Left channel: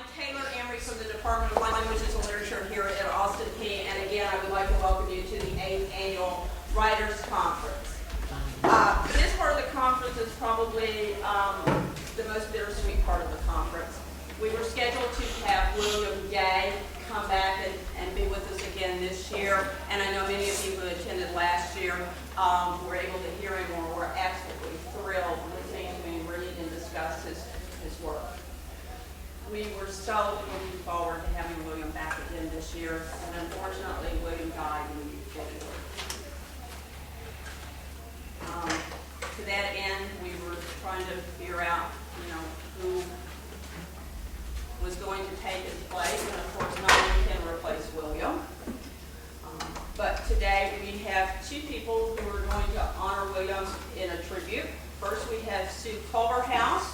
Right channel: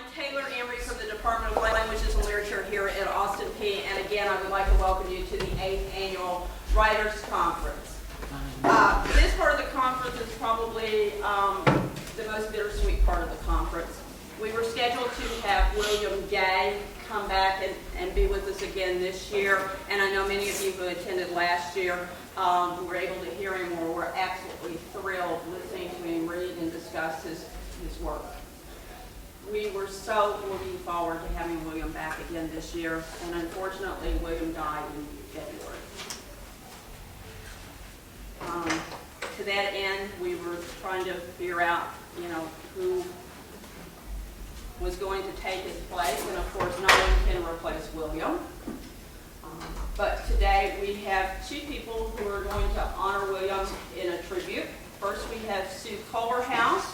I'm Taylor Emery from the Department of Languages and Literature here at Austin Peay, and again, I would like to welcome you to the 8th Annual Writers Conference. This part of the conference is probably the most bittersweet part of the conference. We were scheduled to have William Gay come back and be with us again this year, and I know many of you who attended last year were able to hear him or were absolutely thrilled listening to him read and discuss his work. We were so looking forward to having William back again this year, and unfortunately, William died in February. To that end, we were trying to figure out, who was going to take his place, and of course, no one can replace William. But today, we have two people who are going to honor William in a tribute. First, we have Sue Culver House.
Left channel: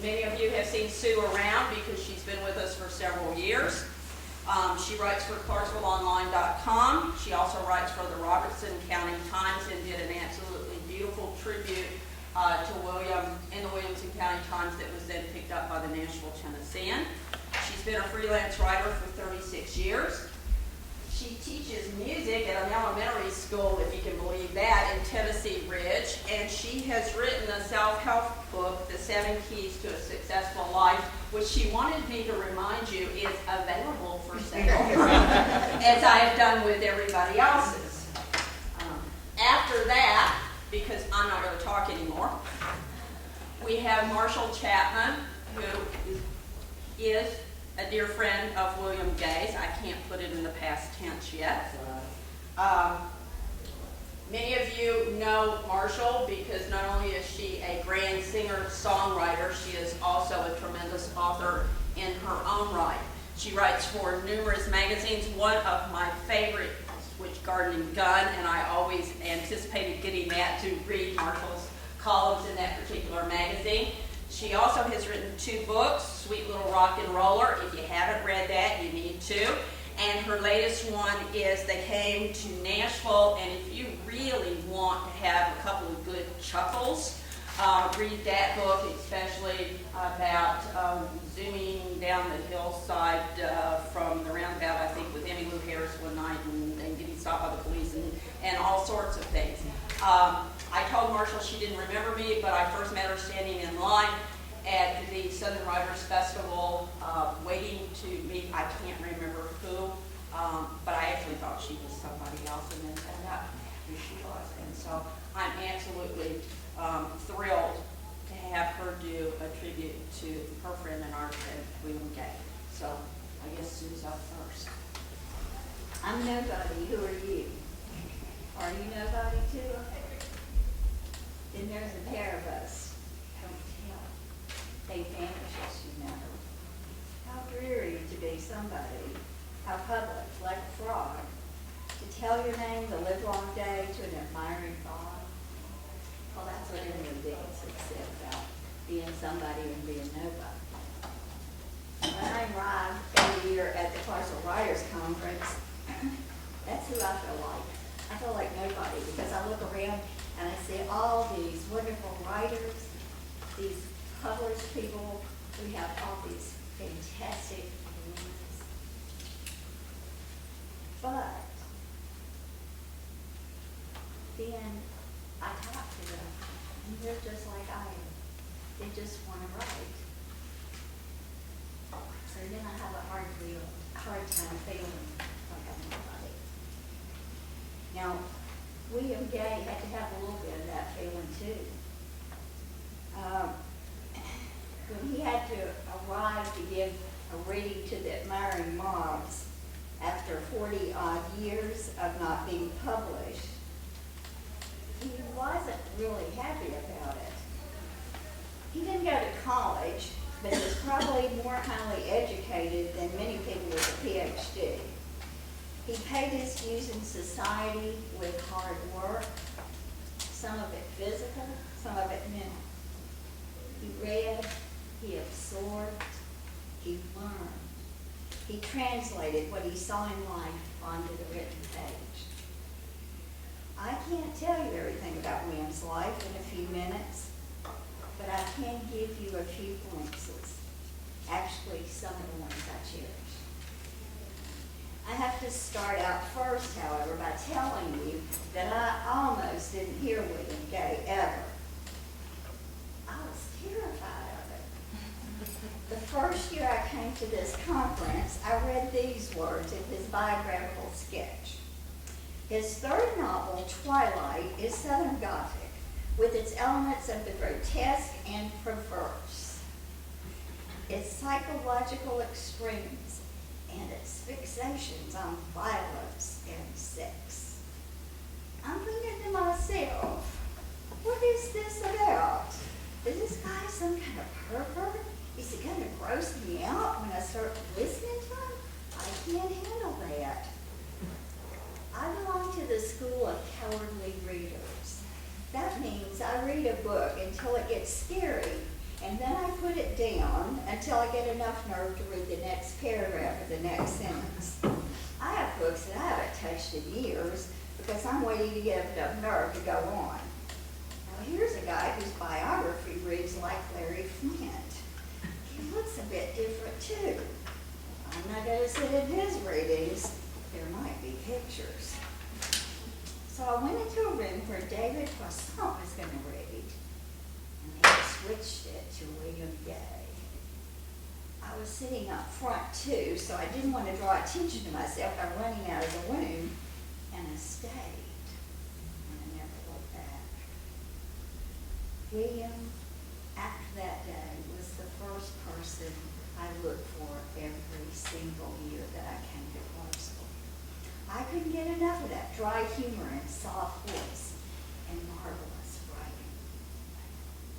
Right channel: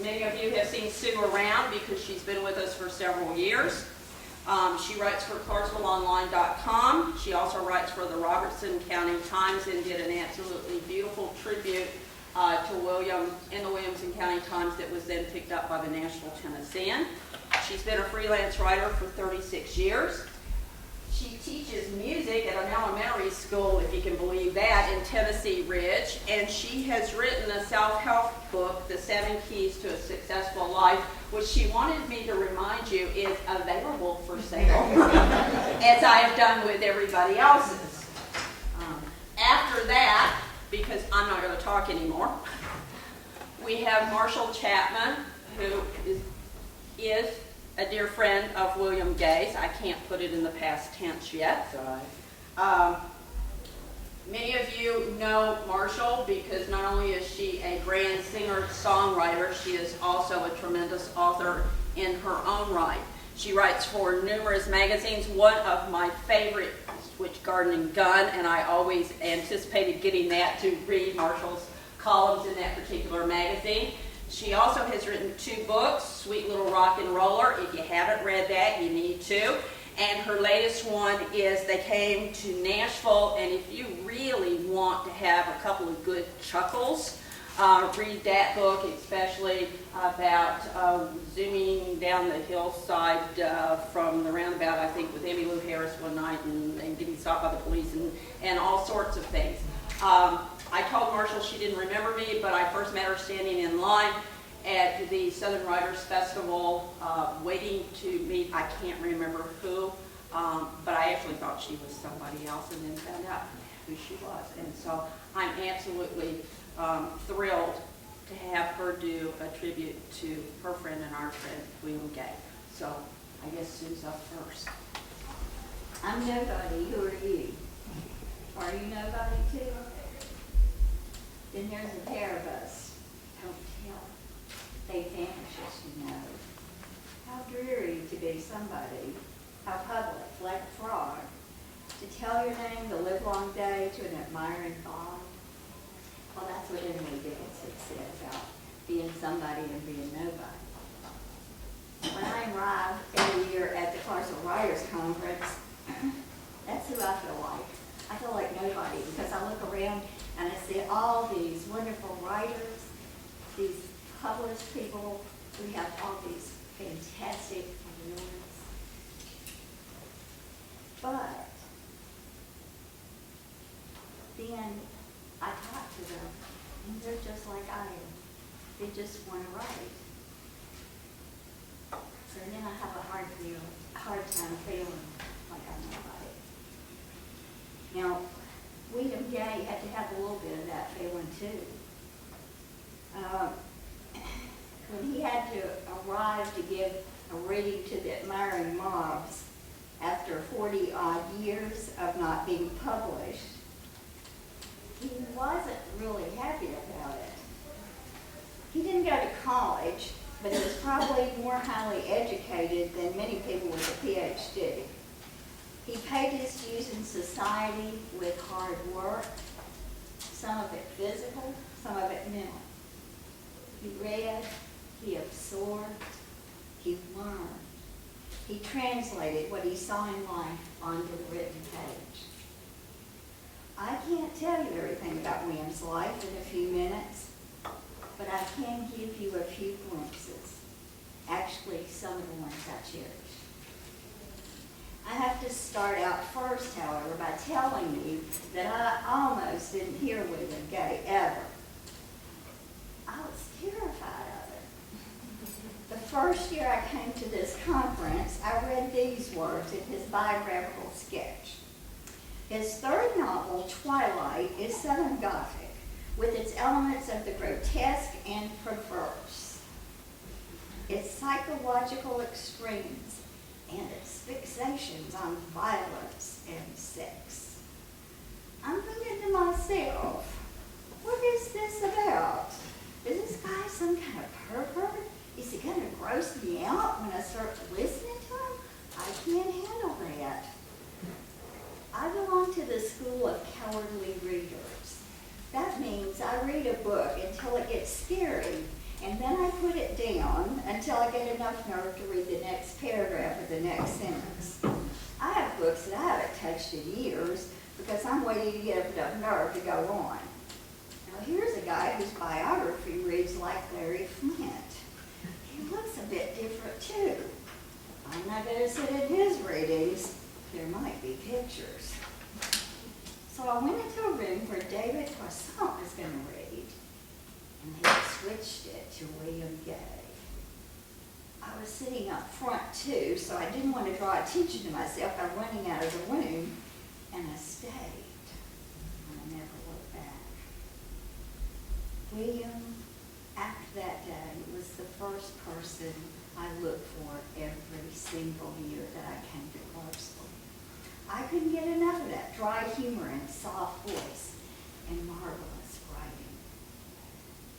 Many of you have seen Sue around because she's been with us for several years. She writes for ClarksvilleOnline.com. She also writes for the Robertson County Times and did an absolutely beautiful tribute to William in the Williamson County Times that was then picked up by the Nashville Tennessean. She's been a freelance writer for 36 years. She teaches music at an elementary school, if you can believe that, in Tennessee Ridge, and she has written a self-help book, The 7 Keys to a Successful Life, which she wanted me to remind you is available for sale, as I have done with everybody else's. After that, because I'm not going to talk anymore, we have Marshall Chapman, who is a dear friend of William Gay's. I can't put it in the past tense yet. Many of you know Marshall because not only is she a grand singer-songwriter, she is also a tremendous author in her own right. She writes for numerous magazines. One of my favorite, which Garden & Gun, and I always anticipated getting that to read Marshall's columns in that particular magazine. She also has written 2 books, Sweet Little Rock and Roller. If you haven't read that, you need to. And her latest one is They Came to Nashville. And if you really want to have a couple of good chuckles, read that book, especially about zooming down the hillside from the roundabout, I think, with Emmylou Harris one night and getting stopped by the police and all sorts of things. I told Marshall she didn't remember me, but I first met her standing in line at the Southern Writers Festival, waiting to meet, I can't remember who, but I actually thought she was somebody else and then found out who she was. And so I'm absolutely thrilled to have her do a tribute to her friend and our friend, William Gay. So I guess Sue's up first. I'm nobody. Who are you? Are you nobody too? Then there's a pair of us. Don't tell. They vanish, as you know. How dreary to be somebody. How public, like a fraud. To tell your name the livelong day to an admiring thought. Well, that's what Emily Dickinson said about being somebody and being nobody. When I arrive every year at the Clarksville Writers Conference, that's who I feel like. I feel like nobody because I look around and I see all these wonderful writers, these published people who have all these fantastic awards. But then I talk to them and they're just like I am. They just want to write. So then I have a hard time feeling like I'm nobody. Now, William Gay had to have a little bit of that feeling too. When he had to arrive to give a reading to the admiring mobs after 40-odd years of not being published, he wasn't really happy about it. He didn't go to college, but he was probably more highly educated than many people with a PhD. He paid his dues in society with hard work, some of it physical, some of it mental. He read, he absorbed, he learned. He translated what he saw in life onto the written page. I can't tell you everything about William's life in a few minutes, but I can give you a few glimpses. Actually, some of the ones I cherish. I have to start out first, however, by telling you that I almost didn't hear William Gay ever. I was terrified of it. The first year I came to this conference, I read these words in his biographical sketch. His third novel, Twilight, is Southern Gothic, with its elements of the grotesque and perverse, its psychological extremes, and its fixations on violence and sex. I'm thinking to myself, what is this about? Is this guy some kind of pervert? Is he going to gross me out when I start listening to him? I can't handle that. I belong to the school of cowardly readers. That means I read a book until it gets scary, and then I put it down until I get enough nerve to read the next paragraph of the next sentence. I have books that I haven't touched in years because I'm waiting to get enough nerve to go on. Now here's a guy whose biography reads like Larry Flint. He looks a bit different too. I'm not going to sit in his readings. There might be pictures. So I went into a room where David Poisson was going to read, and they switched it to William Gay. I was sitting up front too, so I didn't want to draw attention to myself by running out of the room, and I stayed, and I never looked back. William, after that day, was the first person I looked for every single year that I came to Clarksville. I couldn't get enough of that dry humor and soft voice and marvelous writing.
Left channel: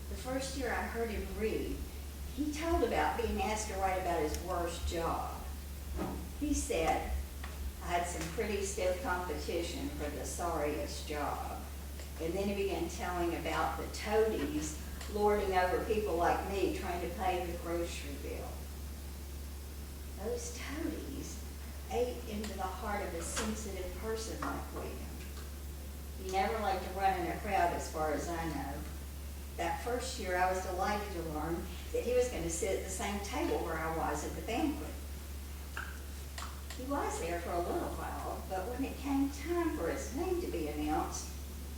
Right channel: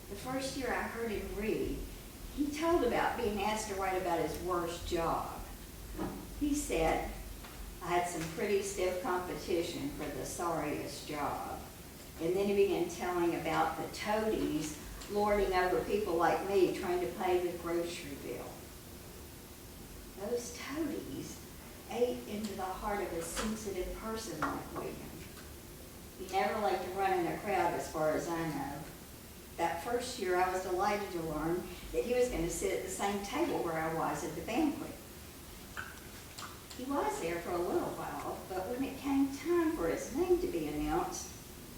The first year I heard him read, he told about being asked to write about his worst job. He said, I had some pretty stiff competition for the sorriest job. And then he began telling about the toadies lording over people like me trying to pay the grocery bill. Those toadies ate into the heart of a sensitive person like William. He never liked to run in a crowd as far as I know. That first year I was delighted to learn that he was going to sit at the same table where I was at the banquet. He was there for a little while, but when it came time for his name to be announced,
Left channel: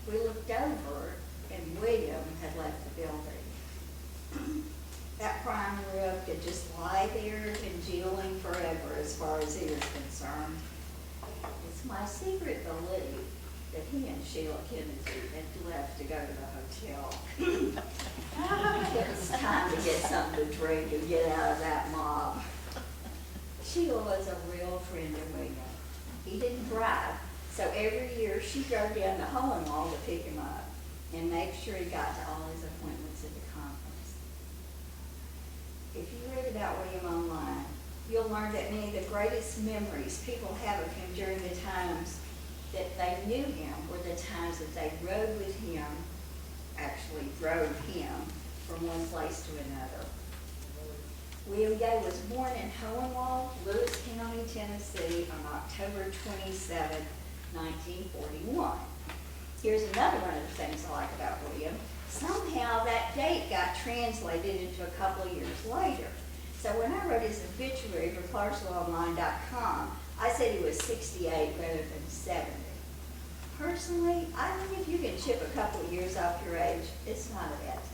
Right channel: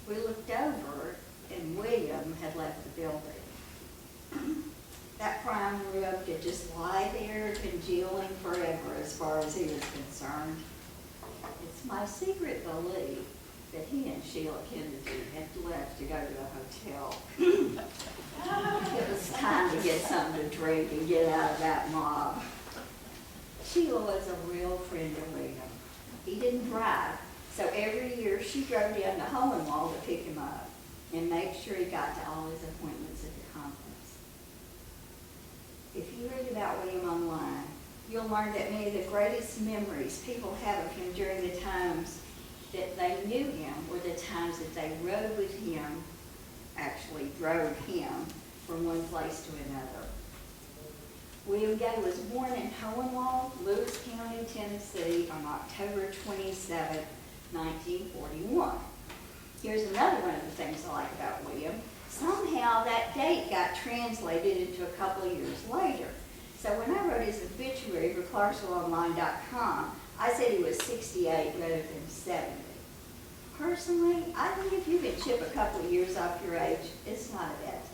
we looked over and William had left the building. That prime rib could just lie there congealing forever as far as he was concerned. It's my secret belief that he and Sheila Kennedy had left to go to the hotel. It was time to get something to drink and get out of that mob. Sheila was a real friend of William. He didn't drive, so every year she drove down to Hohenwald to pick him up and make sure he got to all his appointments at the conference. If you read about William online, you'll learn that many of the greatest memories people have of him during the times that they knew him were the times that they rode with him, actually drove him from one place to another. William Gay was born in Hohenwald, Lewis County, Tennessee on October 27, 1941. Here's another one of the things I like about William. Somehow that date got translated into a couple of years later. So when I wrote his obituary for ClarksvilleOnline.com, I said he was 68 rather than 70. Personally, I think if you can chip a couple of years off your age, it's not a bad thing.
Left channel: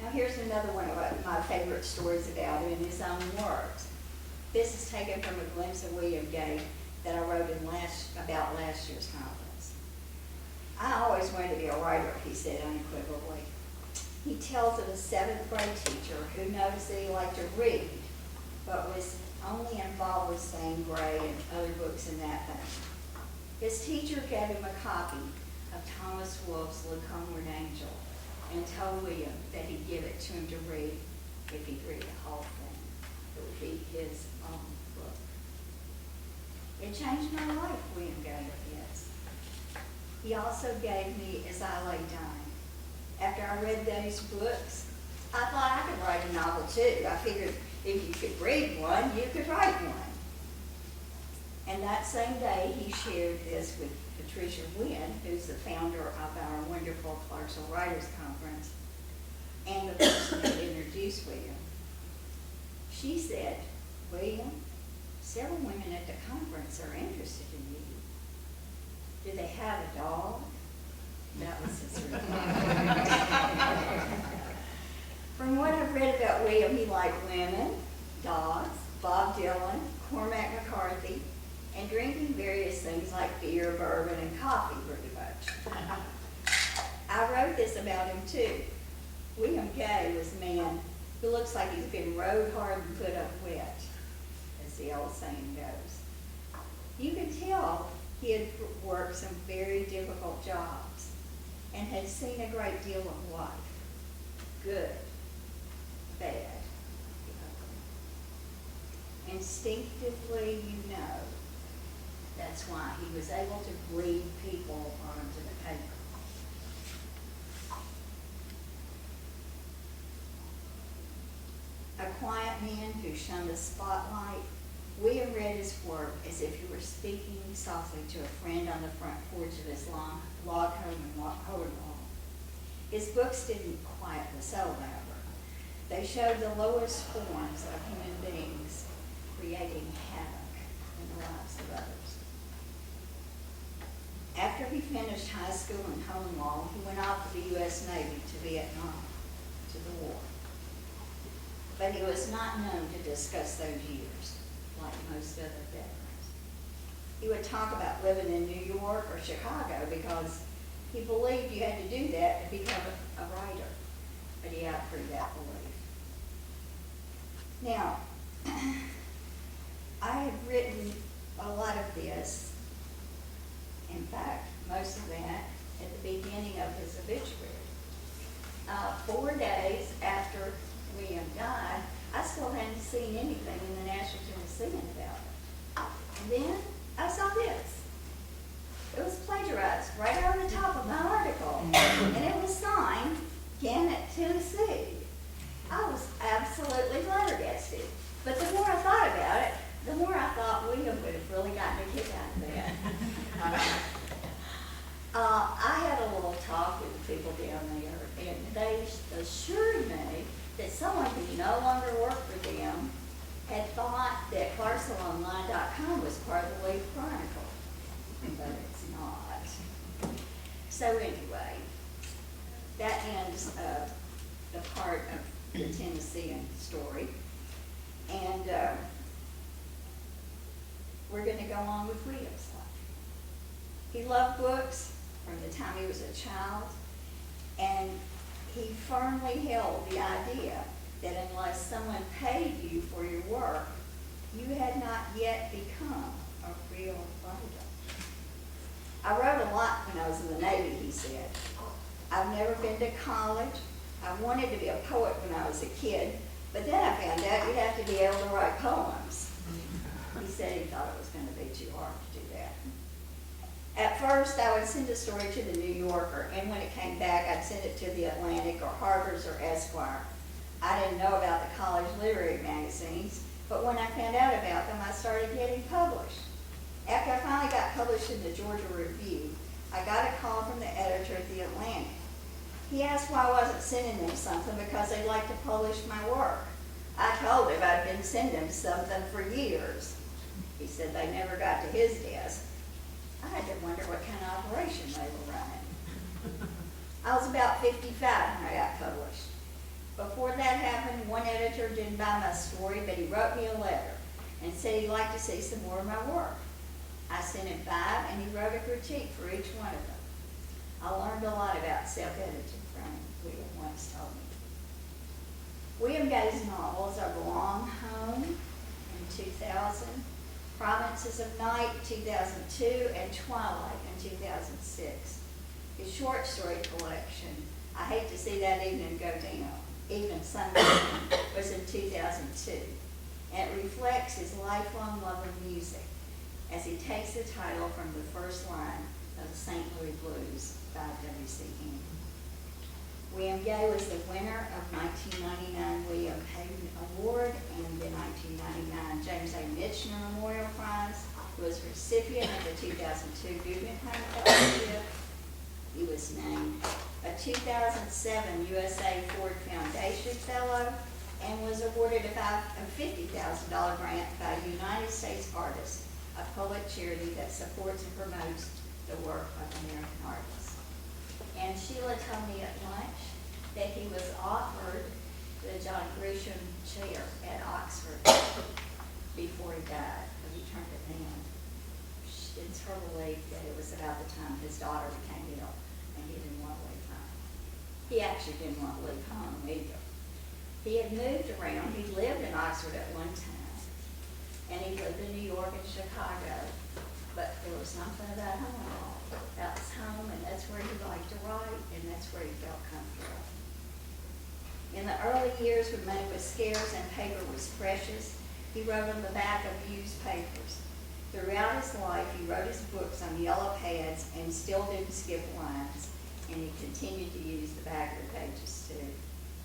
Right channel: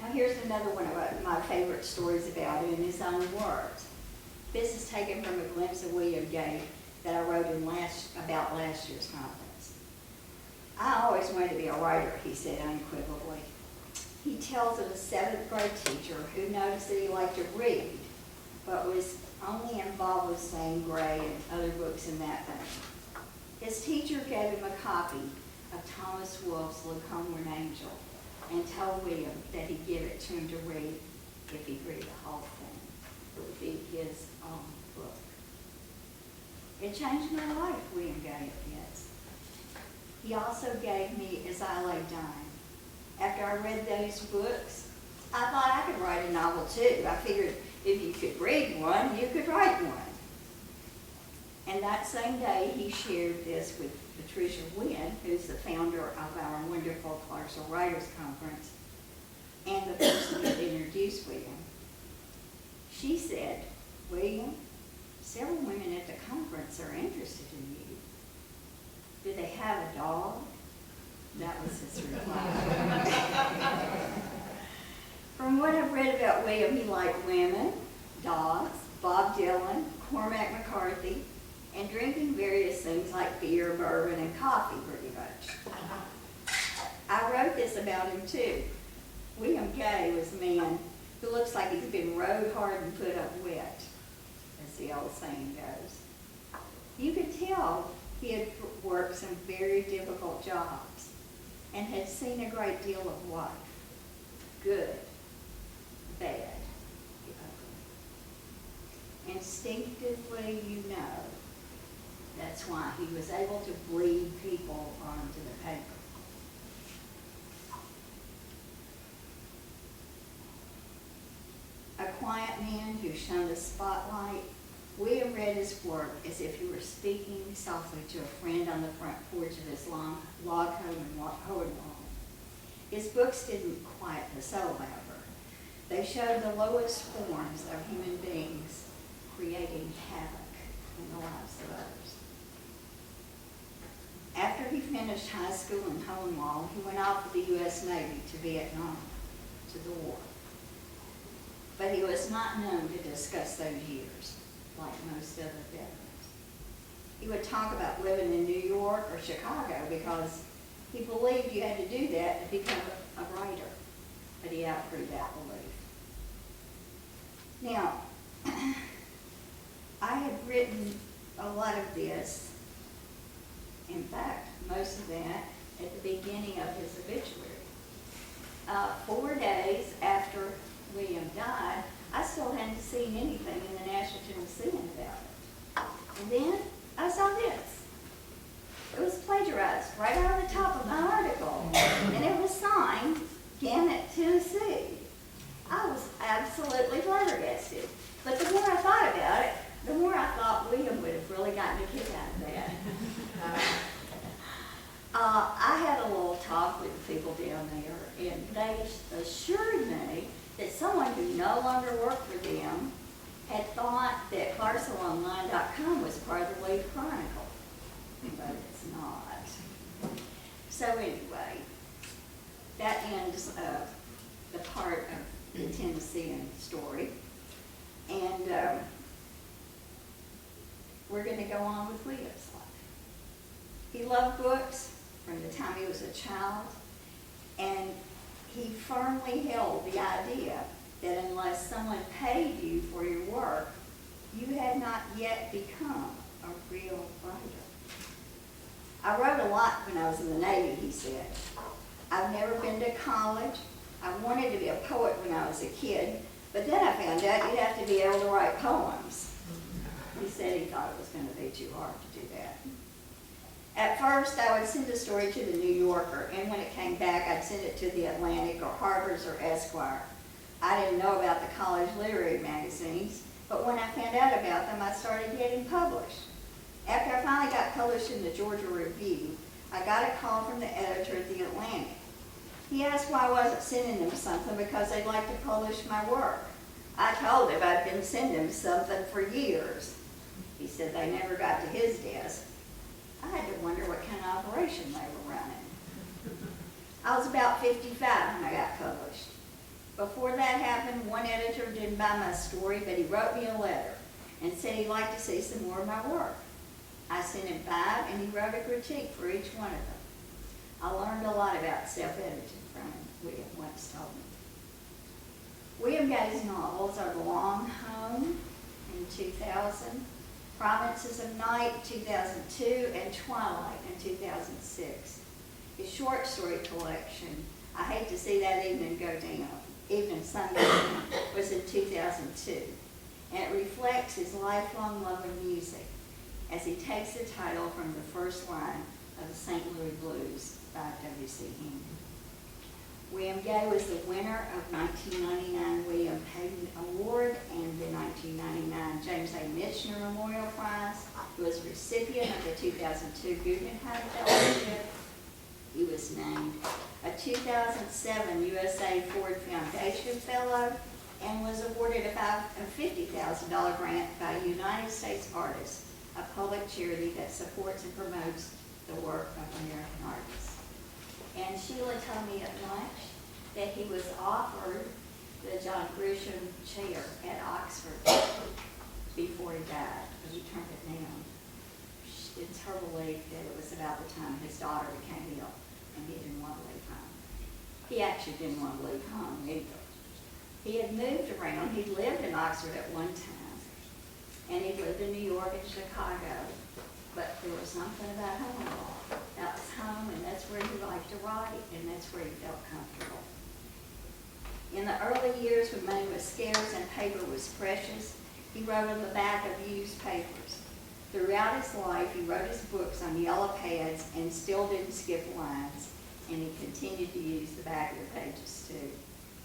Now here's another one of my favorite stories about him in his own words. This is taken from a glimpse of William Gay that I wrote about last year's conference. I always wanted to be a writer, he said unequivocally. He tells of a 7th grade teacher who noticed that he liked to read, but was only involved with saying Gray and other books in that vein. His teacher gave him a copy of Thomas Wolfe's Look Homeward Angel and told William that he'd give it to him to read if he'd read the whole thing. It would be his own book. It changed my life, William Gay admits. He also gave me As I Lay Dying. After I read those books, I thought I could write a novel too. I figured if you could read one, you could write one. And that same day, he shared this with Patricia Wynn, who's the founder of our wonderful Clarksville Writers Conference, and the person who introduced William. She said, "William, several women at the conference are interested in you. Do they have a dog?" That was his reply. From what I've read about William, he liked women, dogs, Bob Dylan, Cormac McCarthy, and drinking various things like beer, bourbon, and coffee pretty much. I wrote this about him too. William Gay was a man who looks like he's been rode hard and put up wet, as the old saying goes. You could tell he had worked some very difficult jobs and had seen a great deal of life. Good, bad, the ugly. Instinctively, you know, that's why he was able to bleed people onto the paper. A quiet man who shunned the spotlight, William read his work as if he were speaking softly to a friend on the front porch of his log home in Hohenwald. His books didn't quiet the soul, however. They showed the lowest forms of human beings creating havoc in the lives of others. After he finished high school in Hohenwald, he went off with the U.S. Navy to Vietnam, to the war. But he was not known to discuss those years, like most other veterans. He would talk about living in New York or Chicago because he believed you had to do that to become a writer, but he outgrew that belief. Now, I have written a lot of this, in fact, most of that, at the beginning of his obituary. 4 days after William died, I still hadn't seen anything in the National Tennessean about it. And then I saw this. It was plagiarized right over the top of my article, and it was signed Gannett, Tennessee. I was absolutely flabbergasted. But the more I thought about it, the more I thought William would have really gotten a kick out of that. I had a little talk with the people down there, and they assured me that someone who no longer worked for them had thought that ClarksvilleOnline.com was part of the Leaf Chronicle, but it's not. So anyway, that ends the part of the Tennessean story, and we're going to go on with William's life. He loved books from the time he was a child, and he firmly held the idea that unless someone paid you for your work, you had not yet become a real writer. I wrote a lot when I was in the Navy, he said. I've never been to college. I wanted to be a poet when I was a kid, but then I found out you'd have to be able to write poems. He said he thought it was going to be too hard to do that. At first, I would send a story to the New Yorker, and when it came back, I'd send it to the Atlantic or Harper's or Esquire. I didn't know about the college literary magazines, but when I found out about them, I started getting published. After I finally got published in the Georgia Review, I got a call from the editor at the Atlantic. He asked why I wasn't sending them something because they'd like to publish my work. I told him I'd been sending them something for years. He said they never got to his desk. I had to wonder what kind of operation they were running. I was about 55 when I got published. Before that happened, one editor didn't buy my story, but he wrote me a letter and said he'd like to see some more of my work. I sent him 5, and he wrote a critique for each one of them. I learned a lot about self-editing from him, William once told me. William Gay's novels are The Long Home in 2000, Provinces of Night 2002, and Twilight in 2006. His short story collection, I Hate to See That Evening Go Down, Evening Sunday, was in 2002, and it reflects his lifelong love of music as he takes the title from the first line of the St. Louis Blues by W.C. Haney. William Gay was the winner of 1999 William Hayden Award and the 1999 James A. Michener Memorial Prize. He was recipient of the 2002 Guggenheim Fellowship. He was named a 2007 USA Ford Foundation Fellow and was awarded a $50,000 grant by United States Artists, a public charity that supports and promotes the work of American artists. And Sheila told me at lunch that he was offered the John Grisham Chair at Oxford before he died, but he turned it down. It's her belief that it was about the time his daughter became ill, and he didn't want to leave home. He actually didn't want to leave home either. He had moved around. He lived in Oxford at one time, and he lived in New York and Chicago, but there was something about home. That was home, and that's where he liked to write, and that's where he felt comfortable. In the early years when money was scarce and paper was precious, he wrote on the back of used papers. Throughout his life, he wrote his books on yellow pads and still didn't skip lines, and he continued to use the back of the pages too.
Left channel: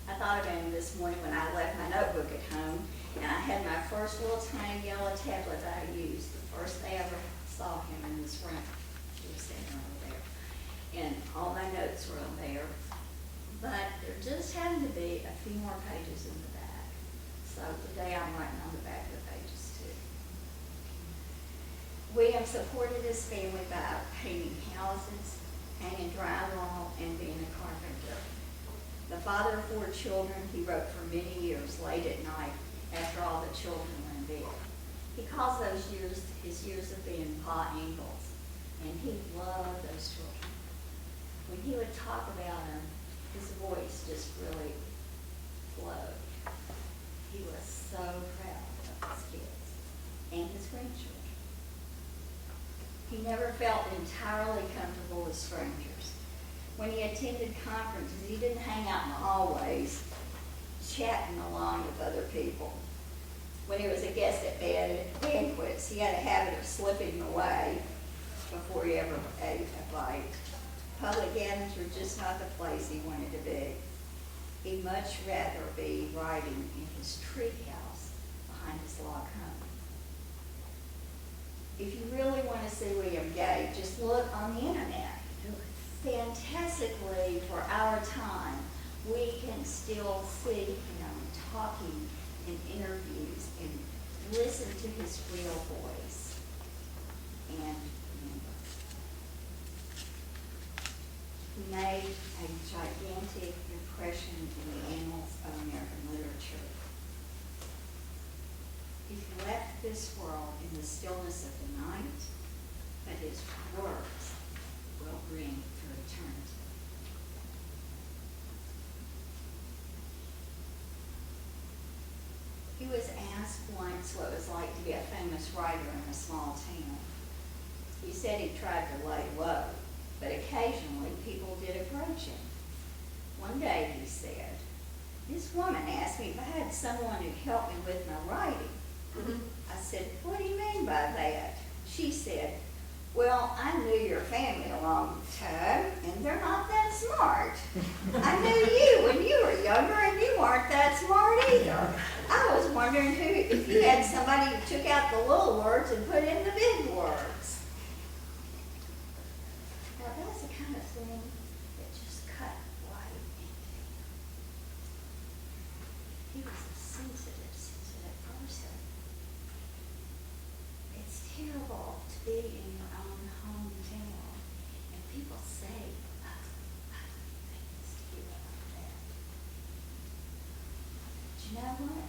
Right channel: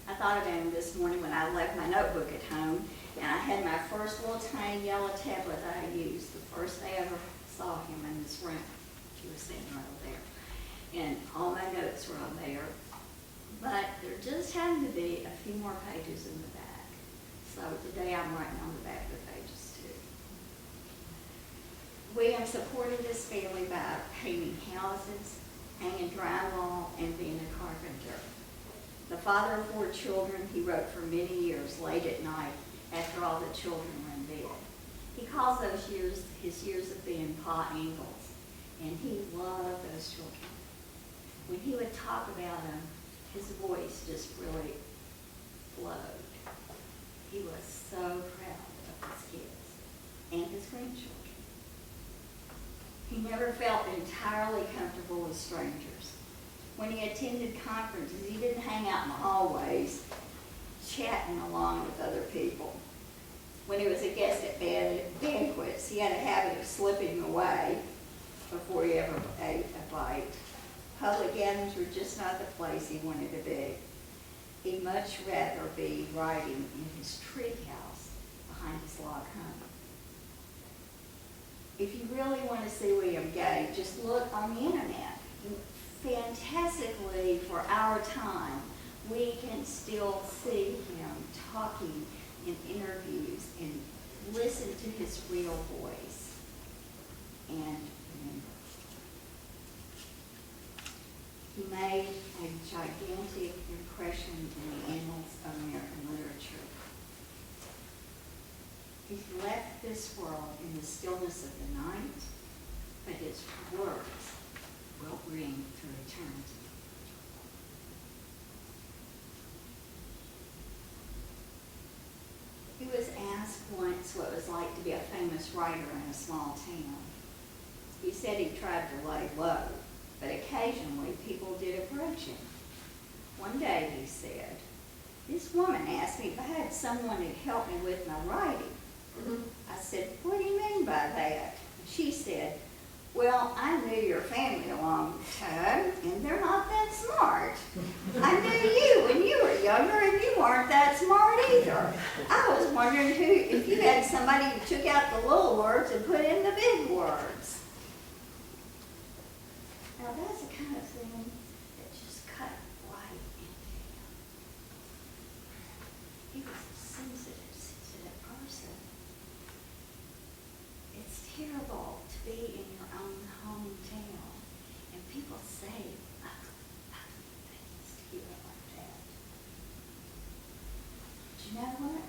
I thought of him this morning when I left my notebook at home, and I had my first little tiny yellow tablet that I used the first day I ever saw him in this room. He was sitting over there, and all my notes were on there, but there just happened to be a few more pages in the back. So today I'm writing on the back of the pages too. William supported his family by painting houses, hanging drywall, and being a carpenter. The father of 4 children, he wrote for many years late at night after all the children were in bed. He calls those years his years of being Pa Ingalls, and he loved those children. When he would talk about them, his voice just really flowed. He was so proud of his kids and his grandchildren. He never felt entirely comfortable with strangers. When he attended conferences, he didn't hang out in the hallways chatting along with other people. When he was a guest at banquets, he had a habit of slipping away before he ever ate a bite. Public gatherings were just not the place he wanted to be. He'd much rather be writing in his tree house behind his log home. If you really want to see William Gay, just look on the internet. Fantastically, for our time, we can still see him talking in interviews and listen to his real voice. And remember, he made a gigantic impression in the annals of American literature. He left this world in the stillness of the night, but his words will ring through eternity. He was asked once what it was like to be a famous writer in a small town. He said he tried to lay low, but occasionally people did approach him. One day he said, "This woman asked me if I had someone to help me with my writing." I said, "What do you mean by that?" She said, "Well, I knew your family a long time, and they're not that smart. I knew you when you were younger, and you weren't that smart either. I was wondering if you had somebody who took out the little words and put in the big words." Now, that's the kind of thing that just cut right into him. He was a sensitive person. It's terrible to be in your own hometown and people say ugly things to you like that. But you know what?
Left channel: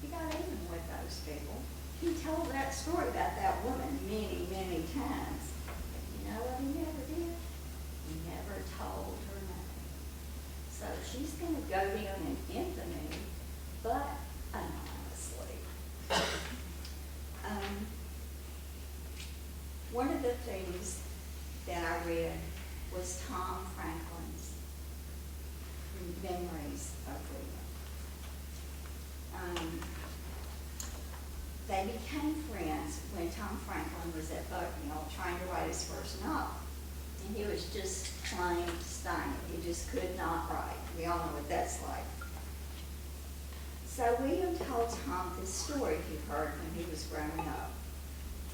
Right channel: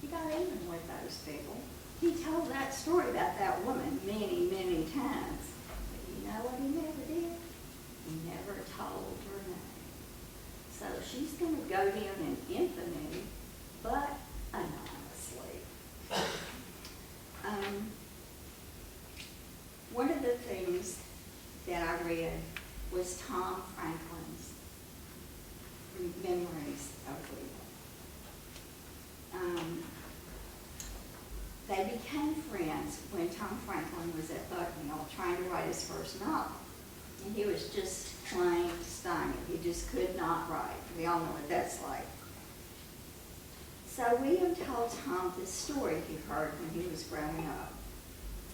He got even with those people. He told that story about that woman many, many times. But you know what he never did? He never told her name. So she's going to go down in infamy, but anonymously. One of the things that I read was Tom Franklin's memories of William. They became friends when Tom Franklin was at Bucknell trying to write his first novel. And he was just plain stymied. He just could not write. We all know what that's like. So William told Tom this story he heard when he was growing up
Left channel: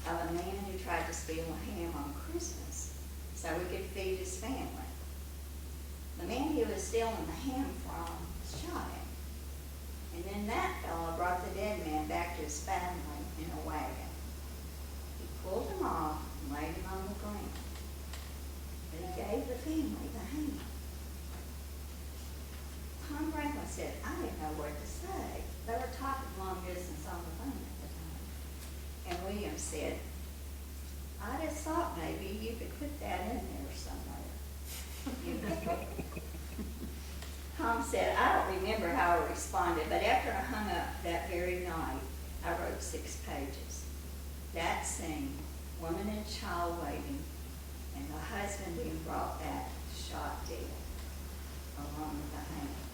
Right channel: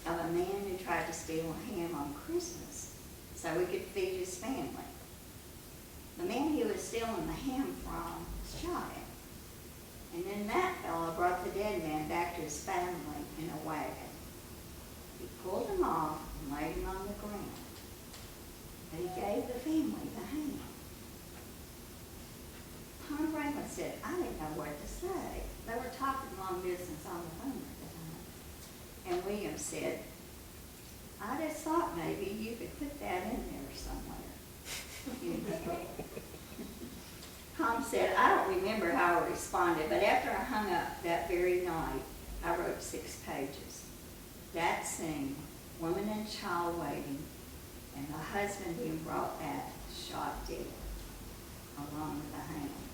of a man who tried to steal a ham on Christmas so he could feed his family. The man he was stealing the ham from shot him. And then that fellow brought the dead man back to his family in a wagon. He pulled him off and laid him on the ground. But he gave the family the hang. Tom Franklin said, I didn't know what to say. They were talking long distance on the phone at the time. And William said, I just thought maybe you could put that in there somewhere. Tom said, I don't remember how I responded, but after I hung up that very night, I wrote 6 pages. That scene, woman and child waiting, and the husband being brought back, shot dead, along with the hangman.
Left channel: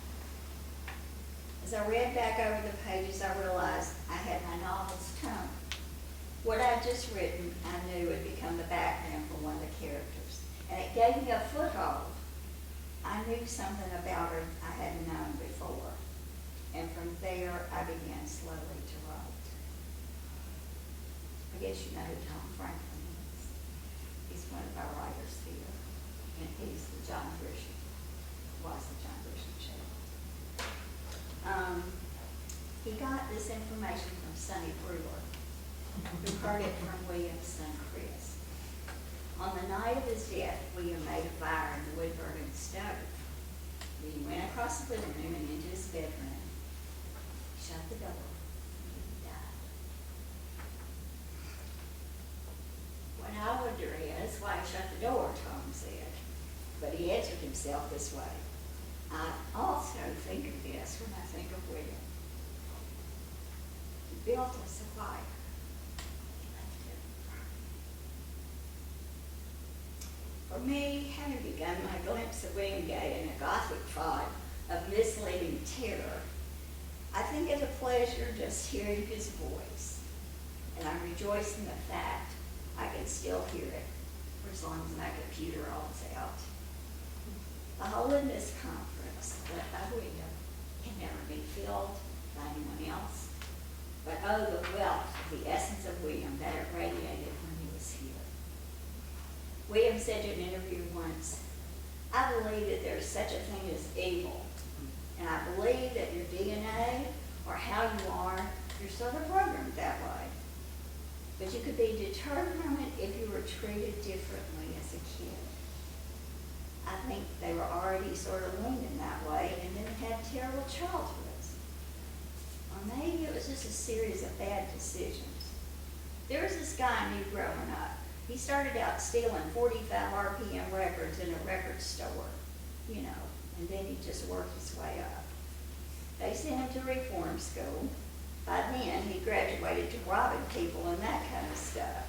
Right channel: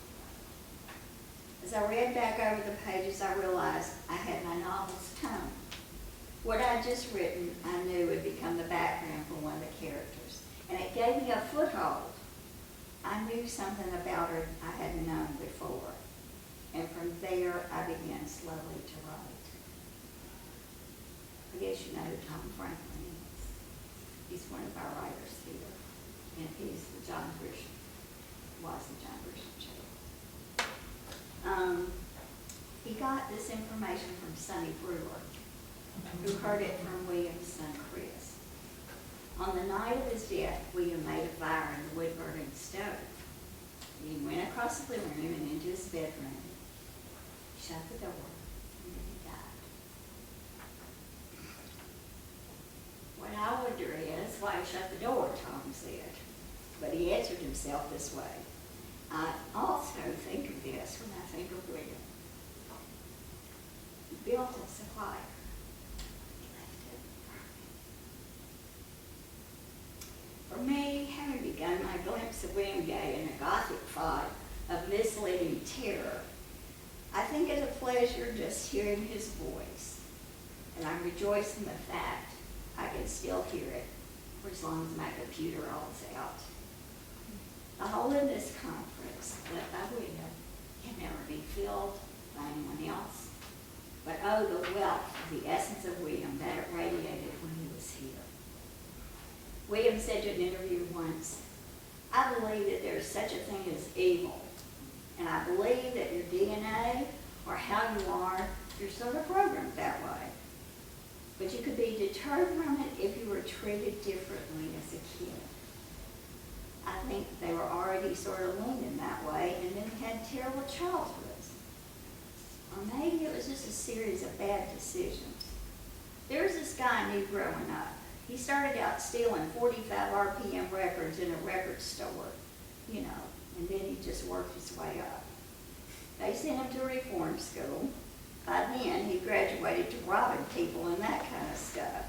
As I read back over the pages, I realized I had my novel's tone. What I'd just written, I knew would become the background for one of the characters, and it gave me a foothold. I knew something about her I hadn't known before, and from there I began slowly to write. I guess you know who Tom Franklin is. He's one of our writers here, and he's the John Grisham, was the John Grisham chair. He got this information from Sonny Brewer, who heard it from William's son Chris. On the night of his death, William made a fire in the wood-burning stove. He went across the living room and into his bedroom. He shut the door, and then he died. What I wonder is why he shut the door, Tom said. But he answered himself this way. I also think of this when I think of William. He built us a fire. For me, having begun my glimpse of William Gay in a Gothic fog of misleading terror, I think it's a pleasure just hearing his voice, and I rejoice in the fact I can still hear it for as long as my computer all's out. The hole in this conference left by William can never be filled by anyone else, but oh, the wealth of the essence of William that it radiated when he was here. William said in an interview once, I believe that there's such a thing as evil, and I believe that your DNA or how you are, you're sort of programmed that way. But you could be deterred from it if you were treated differently as a kid. I think they were already sort of leaning that way and then had terrible childhoods. Or maybe it was just a series of bad decisions. There was this guy I knew growing up. He started out stealing 45 RPM records in a record store, you know, and then he just worked his way up. They sent him to reform school. By then, he graduated to robbing people and that kind of stuff.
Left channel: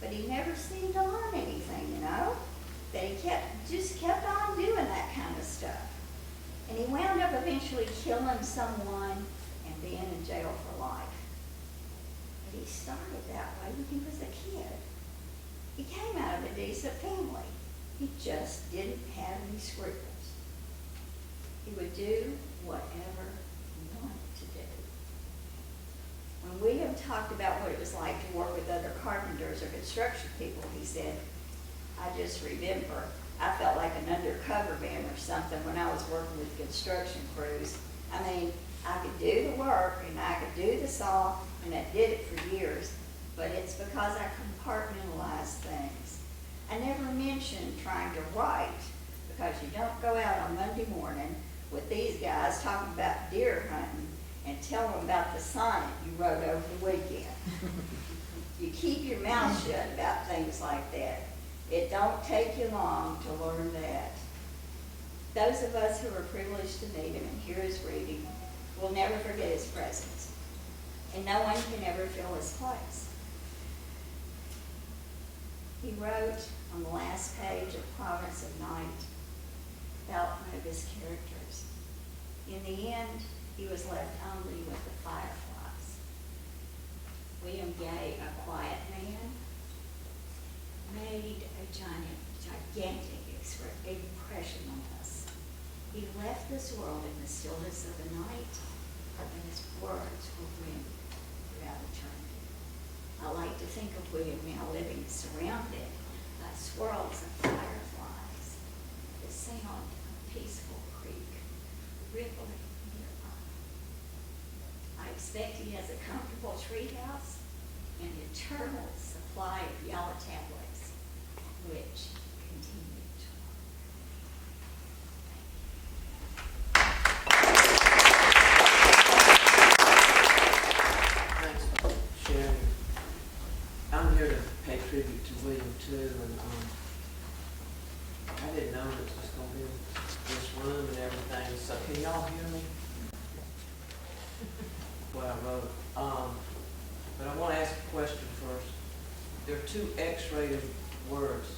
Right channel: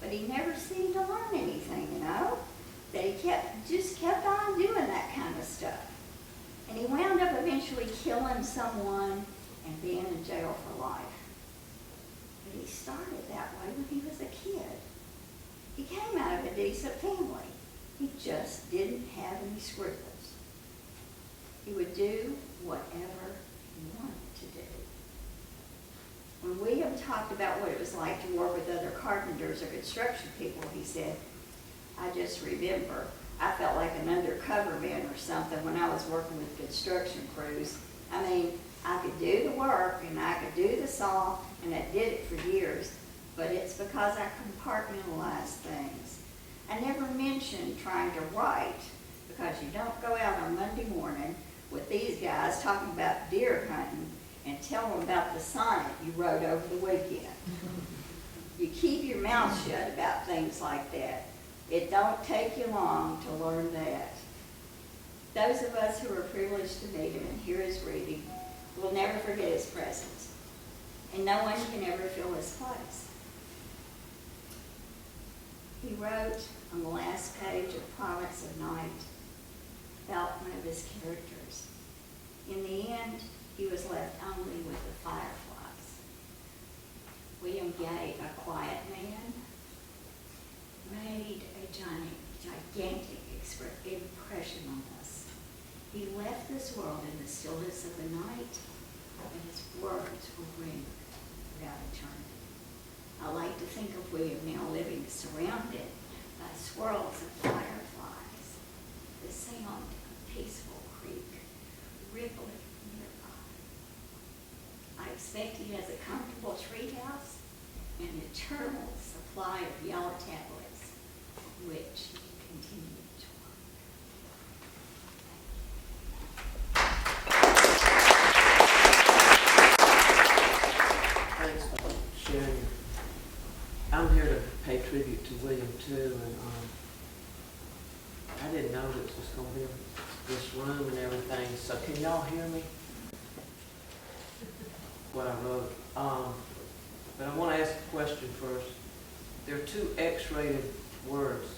But he never seemed to learn anything, you know? That he just kept on doing that kind of stuff. And he wound up eventually killing someone and being in jail for life. But he started that way when he was a kid. He came out of a decent family. He just didn't have any scruples. He would do whatever he wanted to do. When William talked about what it was like to work with other carpenters or construction people, he said, I just remember I felt like an undercover man or something when I was working with construction crews. I mean, I could do the work and I could do the saw, and I did it for years, but it's because I compartmentalized things. I never mentioned trying to write, because you don't go out on Monday morning with these guys talking about deer hunting and tell them about the sonnet you wrote over the weekend. You keep your mouth shut about things like that. It don't take you long to learn that. Those of us who are privileged to meet him and hear his reading will never forget his presence, and no one can ever fill his place. He wrote on the last page of Province of Night about one of his characters. In the end, he was left only with the fireflies. William Gay, a quiet man, made a gigantic impression on us. He left this world in the stillness of the night, and his words will ring throughout eternity. I like to think of William now living surrounded by swirls of fireflies, the sound of a peaceful creek rippling nearby. expect he has a comfortable treehouse and eternal supply of yellow tablets, which continue to Thanks for sharing. I'm here to pay tribute to William too, and I didn't know it was going to be in this room and everything. So can y'all hear me? What I wrote. But I want to ask a question first. There are 2 X-rated words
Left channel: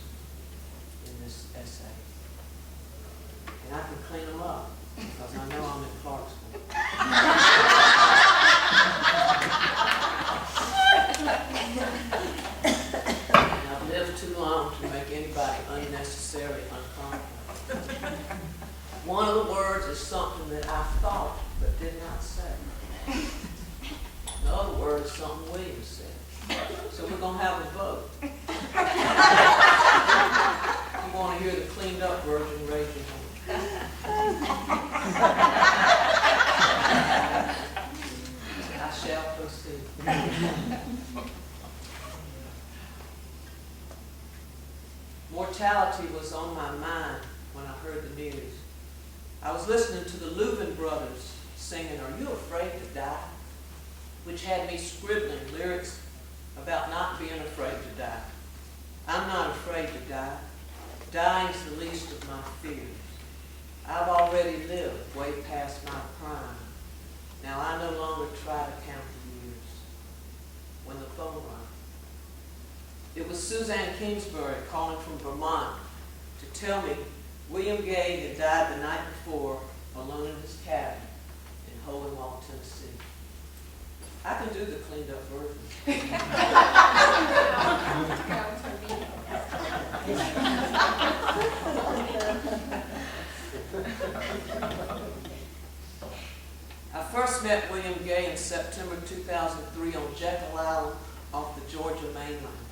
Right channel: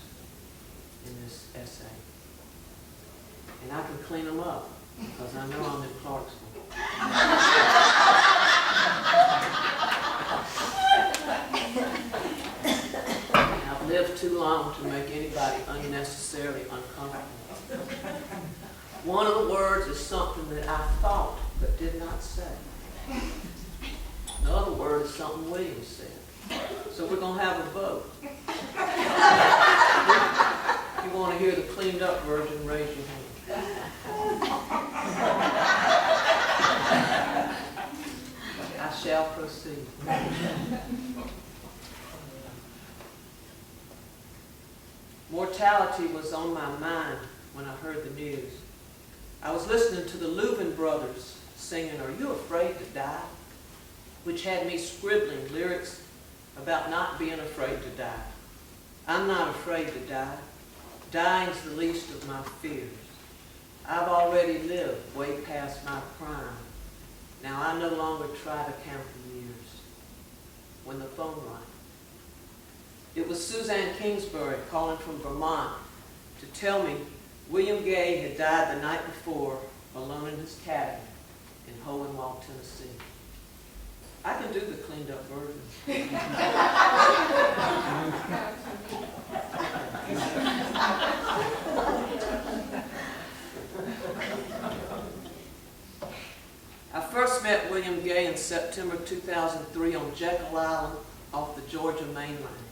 in this essay, and I can clean them up because I know I'm in Clarksville. I've lived too long to make anybody unnecessarily uncomfortable. One of the words is something that I thought but did not say. The other word is something William said. So we're going to have a vote. If you want to hear the cleaned up version, raise your hand. I shall proceed. Mortality was on my mind when I heard the news. I was listening to the Louvin brothers singing, "Are You Afraid to Die?" which had me scribbling lyrics about not being afraid to die. I'm not afraid to die. Dying's the least of my fears. I've already lived way past my prime. Now I no longer try to count the years. When the phone rang, it was Suzanne Kingsbury calling from Vermont to tell me William Gay had died the night before alone in his cabin in Hohenwald, Tennessee. I can do the cleaned up version. I first met William Gay in September 2003 on Jekyll Island off the Georgia mainland.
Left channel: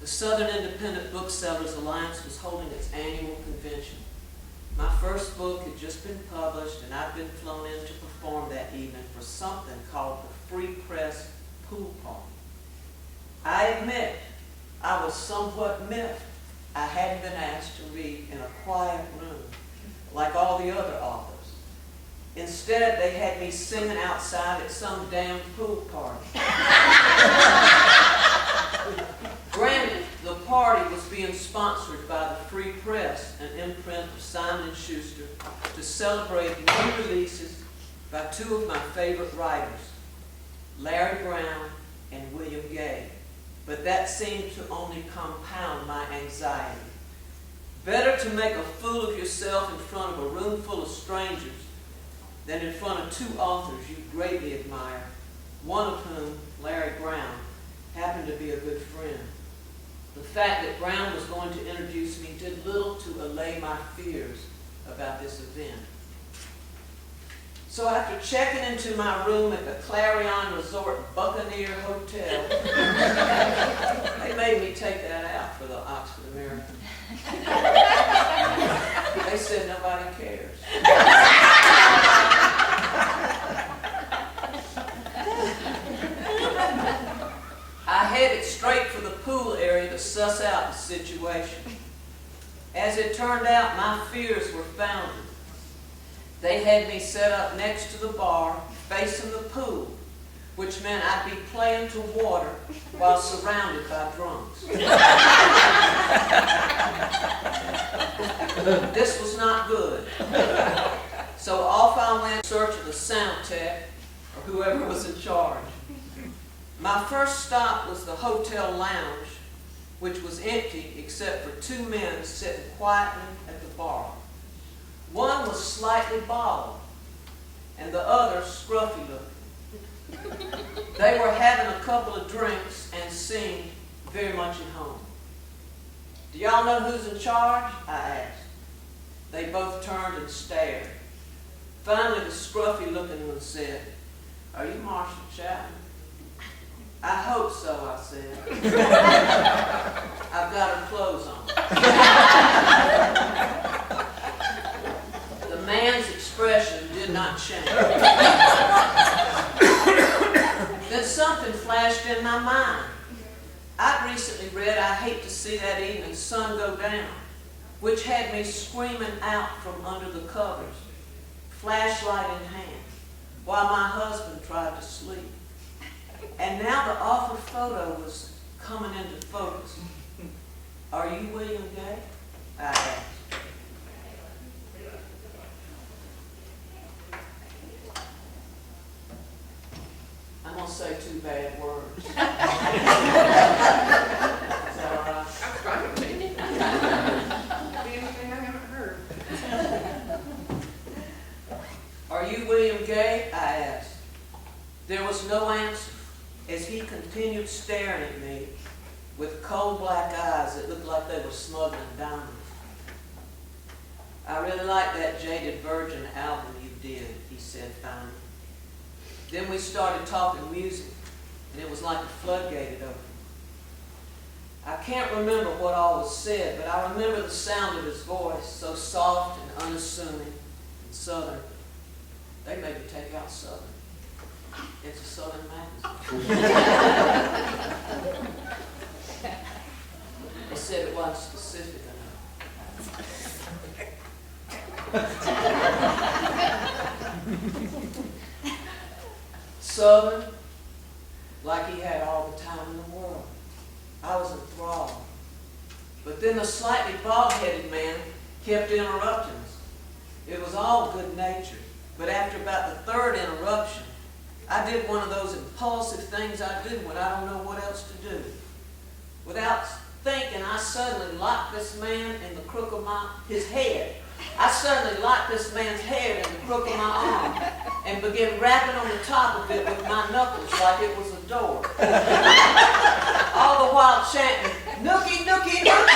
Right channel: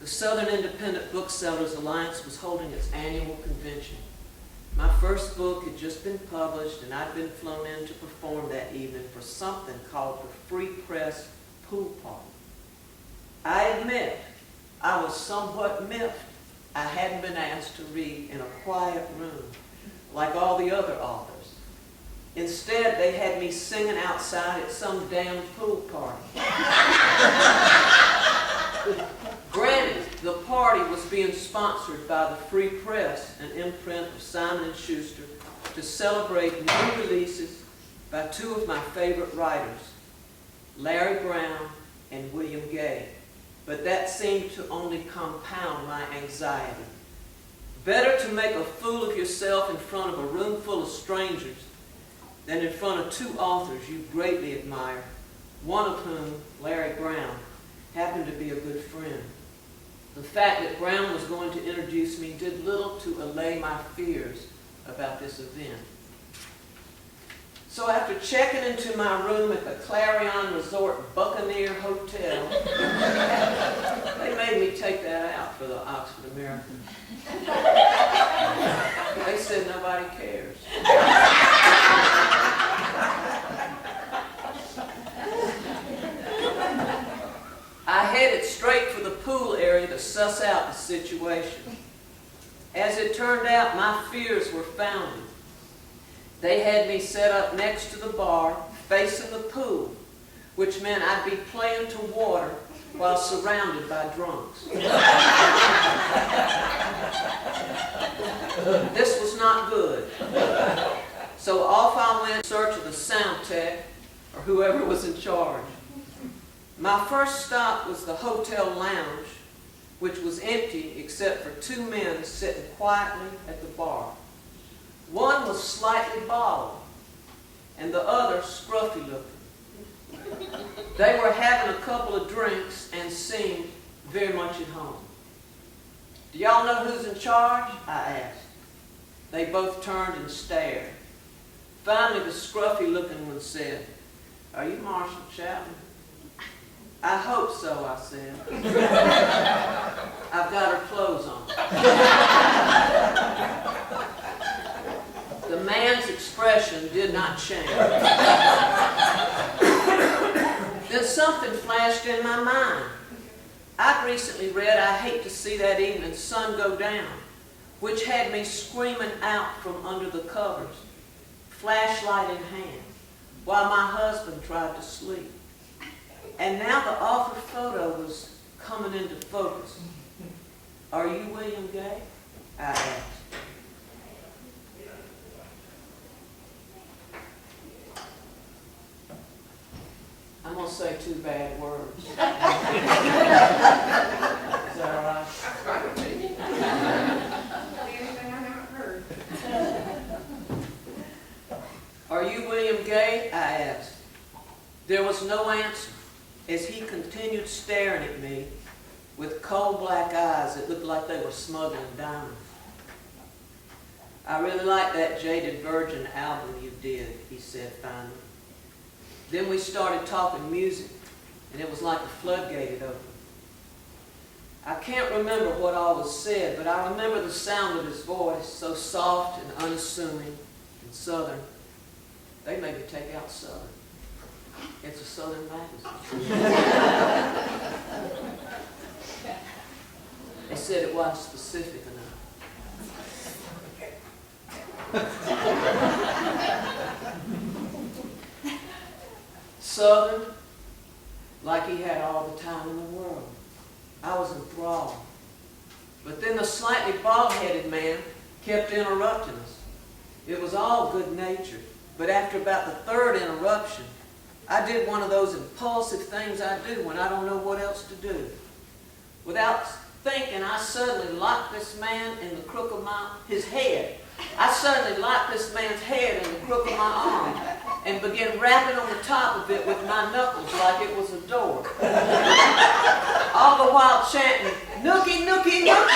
The Southern Independent Booksellers Alliance was holding its annual convention. My first book had just been published, and I'd been flown in to perform that evening for something called the Free Press Pool Party. I admit I was somewhat miffed I hadn't been asked to read in a quiet room like all the other authors. Instead, they had me singing outside at some damn pool party. Granted, the party was being sponsored by the Free Press, an imprint of Simon & Schuster, to celebrate new releases by 2 of my favorite writers, Larry Brown and William Gay. But that seemed to only compound my anxiety. Better to make a fool of yourself in front of a room full of strangers than in front of 2 authors you greatly admire, one of whom, Larry Brown, happened to be a good friend. The fact that Brown was going to introduce me did little to allay my fears about this event. So after checking into my room at the Clarion Resort Buccaneer Hotel, they made me take that out for the Oxford American. They said nobody cares. I headed straight for the pool area to suss out the situation. As it turned out, my fears were founded. They had me set up next to the bar, facing the pool, which meant I'd be playing to water while surrounded by drunks. This was not good. So off I went in search of the sound tech, or whoever was in charge. My first stop was the hotel lounge, which was empty except for 2 men sitting quietly at the bar. One was slightly bald, and the other scruffy looking. They were having a couple of drinks and seemed very much at home. "Do y'all know who's in charge?" I asked. They both turned and stared. Finally, the scruffy looking one said, "Are you Marshall Chapman?" "I hope so," I said. "I've got her clothes on." The man's expression did not change. something flashed in my mind. I'd recently read I Hate to See That Evening Sun Go Down, which had me screaming out from under the covers, flashlight in hand, while my husband tried to sleep. And now the offer photo was coming into focus. Are you William Gay? I asked. I'm going to say 2 bad words. Is that all right? I'm fine with it. The only thing I haven't heard. Are you William Gay? I asked. There was no answer as he continued staring at me with coal black eyes that looked like they were smuggling diamonds. I really like that Jaded Virgin album you did, he said finally. Then we started talking music, and it was like a floodgate had opened. I can't remember what all was said, but I remember the sound of his voice, so soft and unassuming and southern. They made me take out Southern. It's a Southern magazine. They said it wasn't specific enough. Southern, like he had all the time in the world. I was enthralled. But then the slightly bald-headed man kept interrupting us. It was all good-natured, but after about the 3rd interruption, I did one of those impulsive things I do when I don't know what else to do. Without thinking, I suddenly locked this man in the crook of his head. I suddenly locked this man's head in the crook of my arm and began rapping on the top of it with my knuckles like it was a door. All the while chanting, "Nookie, nookie, nookie."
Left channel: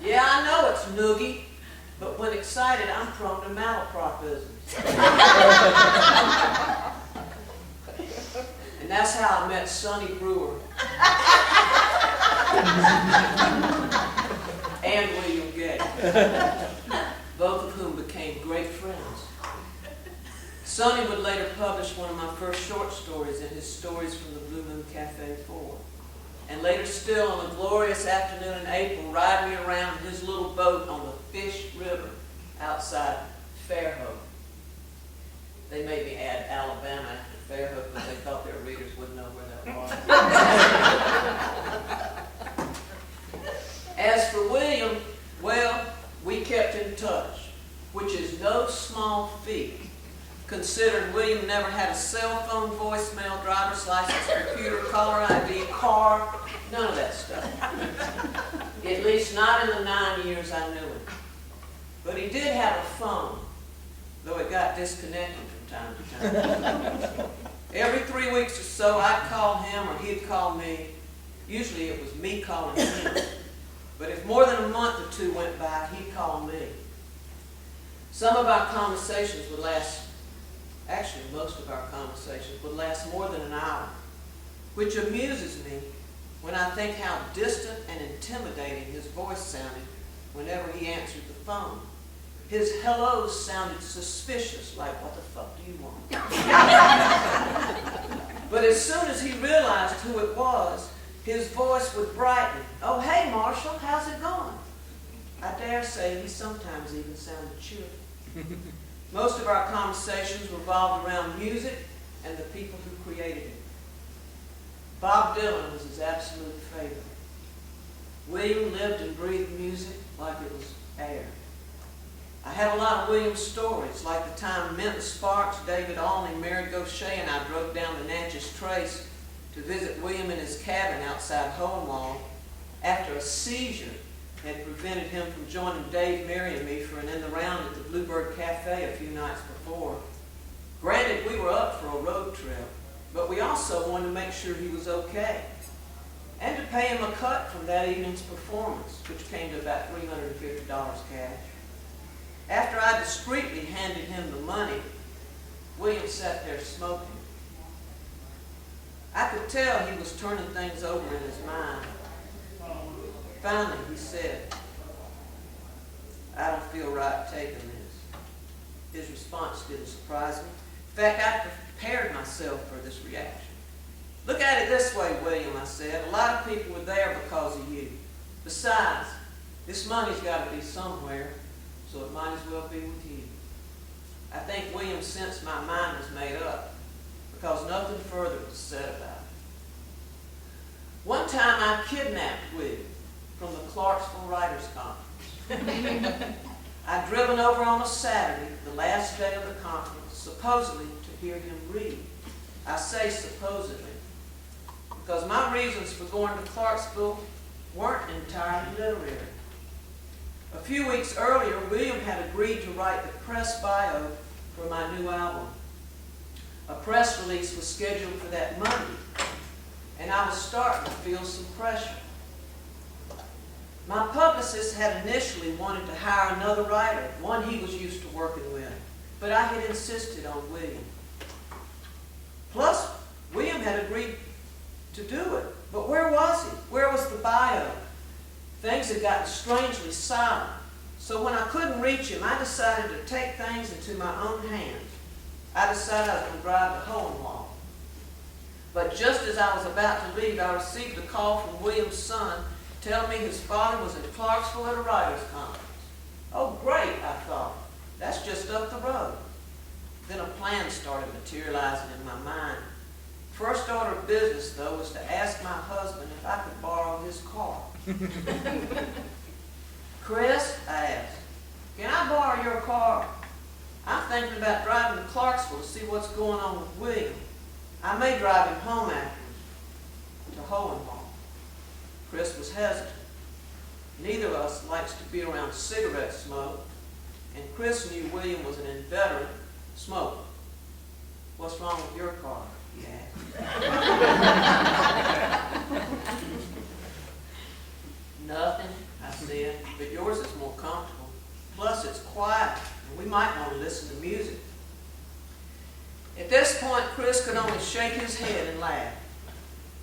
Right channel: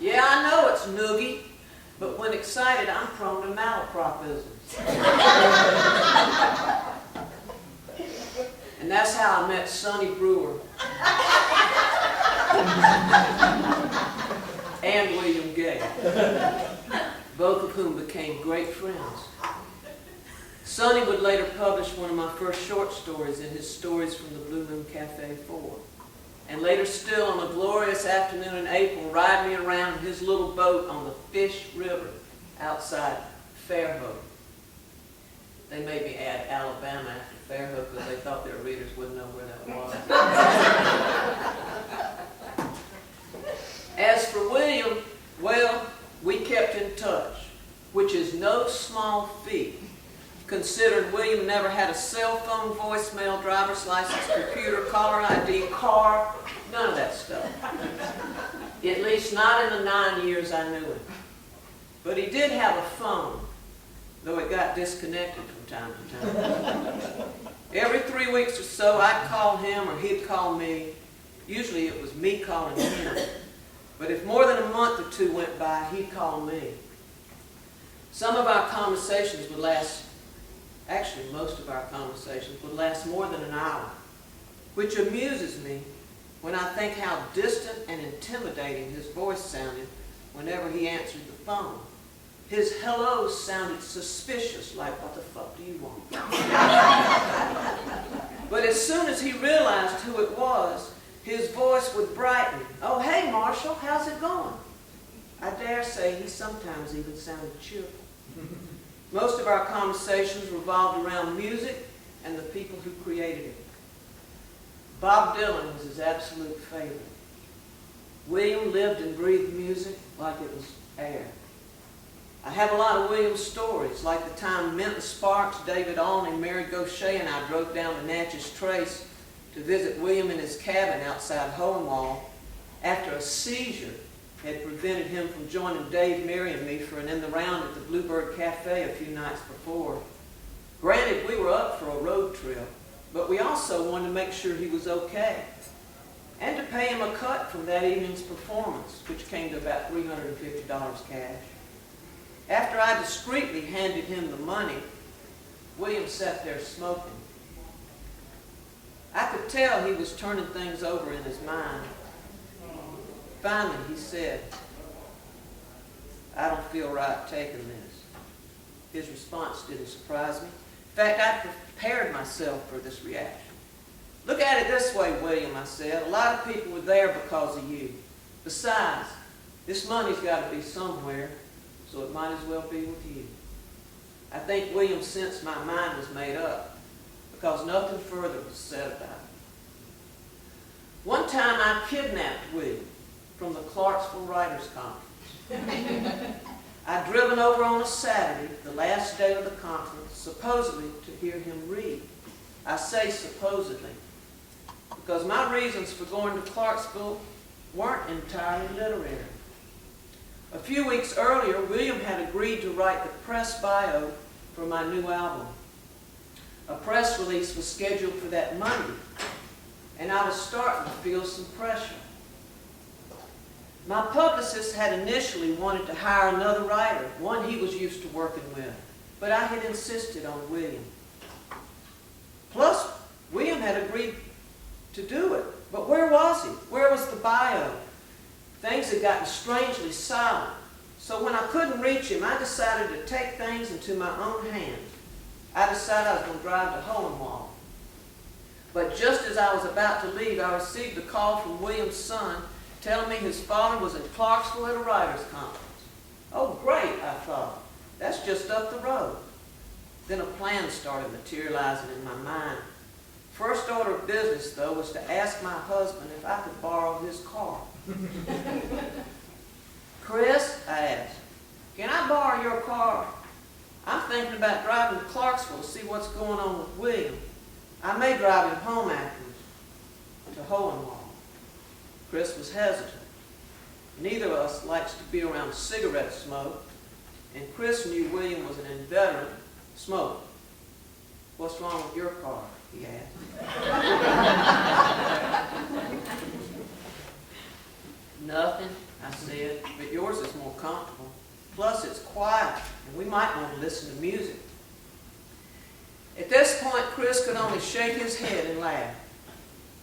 Yeah, I know it's noogie, but when excited, I'm prone to malapropisms. And that's how I met Sonny Brewer and William Gay, both of whom became great friends. Sonny would later publish one of my first short stories in his Stories from the Blue Moon Cafe 4. And later still, on a glorious afternoon in April, ride me around his little boat on the Fish River outside Fairhope. They made me add Alabama after Fairhope because they thought their readers wouldn't know where that was. As for William, well, we kept in touch, which is no small feat, considering William never had a cell phone, voicemail, driver's license, computer, caller ID, car, none of that stuff. At least not in the 9 years I knew him. But he did have a phone, though it got disconnected from time to time. Every 3 weeks or so, I'd call him or he'd call me. Usually it was me calling him. But if more than a month or 2 went by, he'd call me. Some of our conversations would last, actually most of our conversations would last more than an hour, which amuses me when I think how distant and intimidating his voice sounded whenever he answered the phone. His hellos sounded suspicious, like, what the fuck do you want? But as soon as he realized who it was, his voice would brighten. Oh, hey, Marshall, how's it going? I dare say he sometimes even sounded cheerful. Most of our conversations revolved around music and the people who created it. Bob Dylan was his absolute favorite. William lived and breathed music like it was air. I have a lot of William's stories, like the time Minton Sparks, David Alney, Mary Gaucher, and I drove down the Natchez Trace to visit William in his cabin outside Hohenwald after a seizure had prevented him from joining Dave, Mary, and me for an in the round at the Bluebird Cafe a few nights before. Granted, we were up for a road trip, but we also wanted to make sure he was okay and to pay him a cut from that evening's performance, which came to about $350 cash. After I discreetly handed him the money, William sat there smoking. I could tell he was turning things over in his mind. Finally, he said, "I don't feel right taking this." His response didn't surprise me. In fact, prepared myself for this reaction. Look at it this way, William, I said. A lot of people were there because of you. Besides, this money's got to be somewhere, so it might as well be with you. I think William sensed my mind was made up because nothing further was said about it. One time I kidnapped William from the Clarksville Writers' Conference. I'd driven over on a Saturday, the last day of the conference, supposedly to hear him read. I say supposedly because my reasons for going to Clarksville weren't entirely literary. A few weeks earlier, William had agreed to write the press bio for my new album. A press release was scheduled for that Monday, and I was starting to feel some pressure. My publicist had initially wanted to hire another writer, one he was used to working with, but I had insisted on William. Plus, William had agreed to do it, but where was he? Where was the bio? Things had gotten strangely silent, so when I couldn't reach him, I decided to take things into my own hands. I decided I was going to drive to Hohenwald. But just as I was about to leave, I received a call from William's son telling me his father was in Clarksville at a writers' conference. Oh, great, I thought. That's just up the road. Then a plan started materializing in my mind. First order of business, though, was to ask my husband if I could borrow his car. Chris, I asked, can I borrow your car? I'm thinking about driving to Clarksville to see what's going on with William. I may drive him home afterwards, to Hohenwald. Chris was hesitant. Neither of us likes to be around cigarette smoke, and Chris knew William was an inveterate smoker. What's wrong with your car? He asked. Nothing, I said, but yours is more comfortable. Plus, it's quiet, and we might want to listen to music. At this point, Chris could only shake his head and laugh.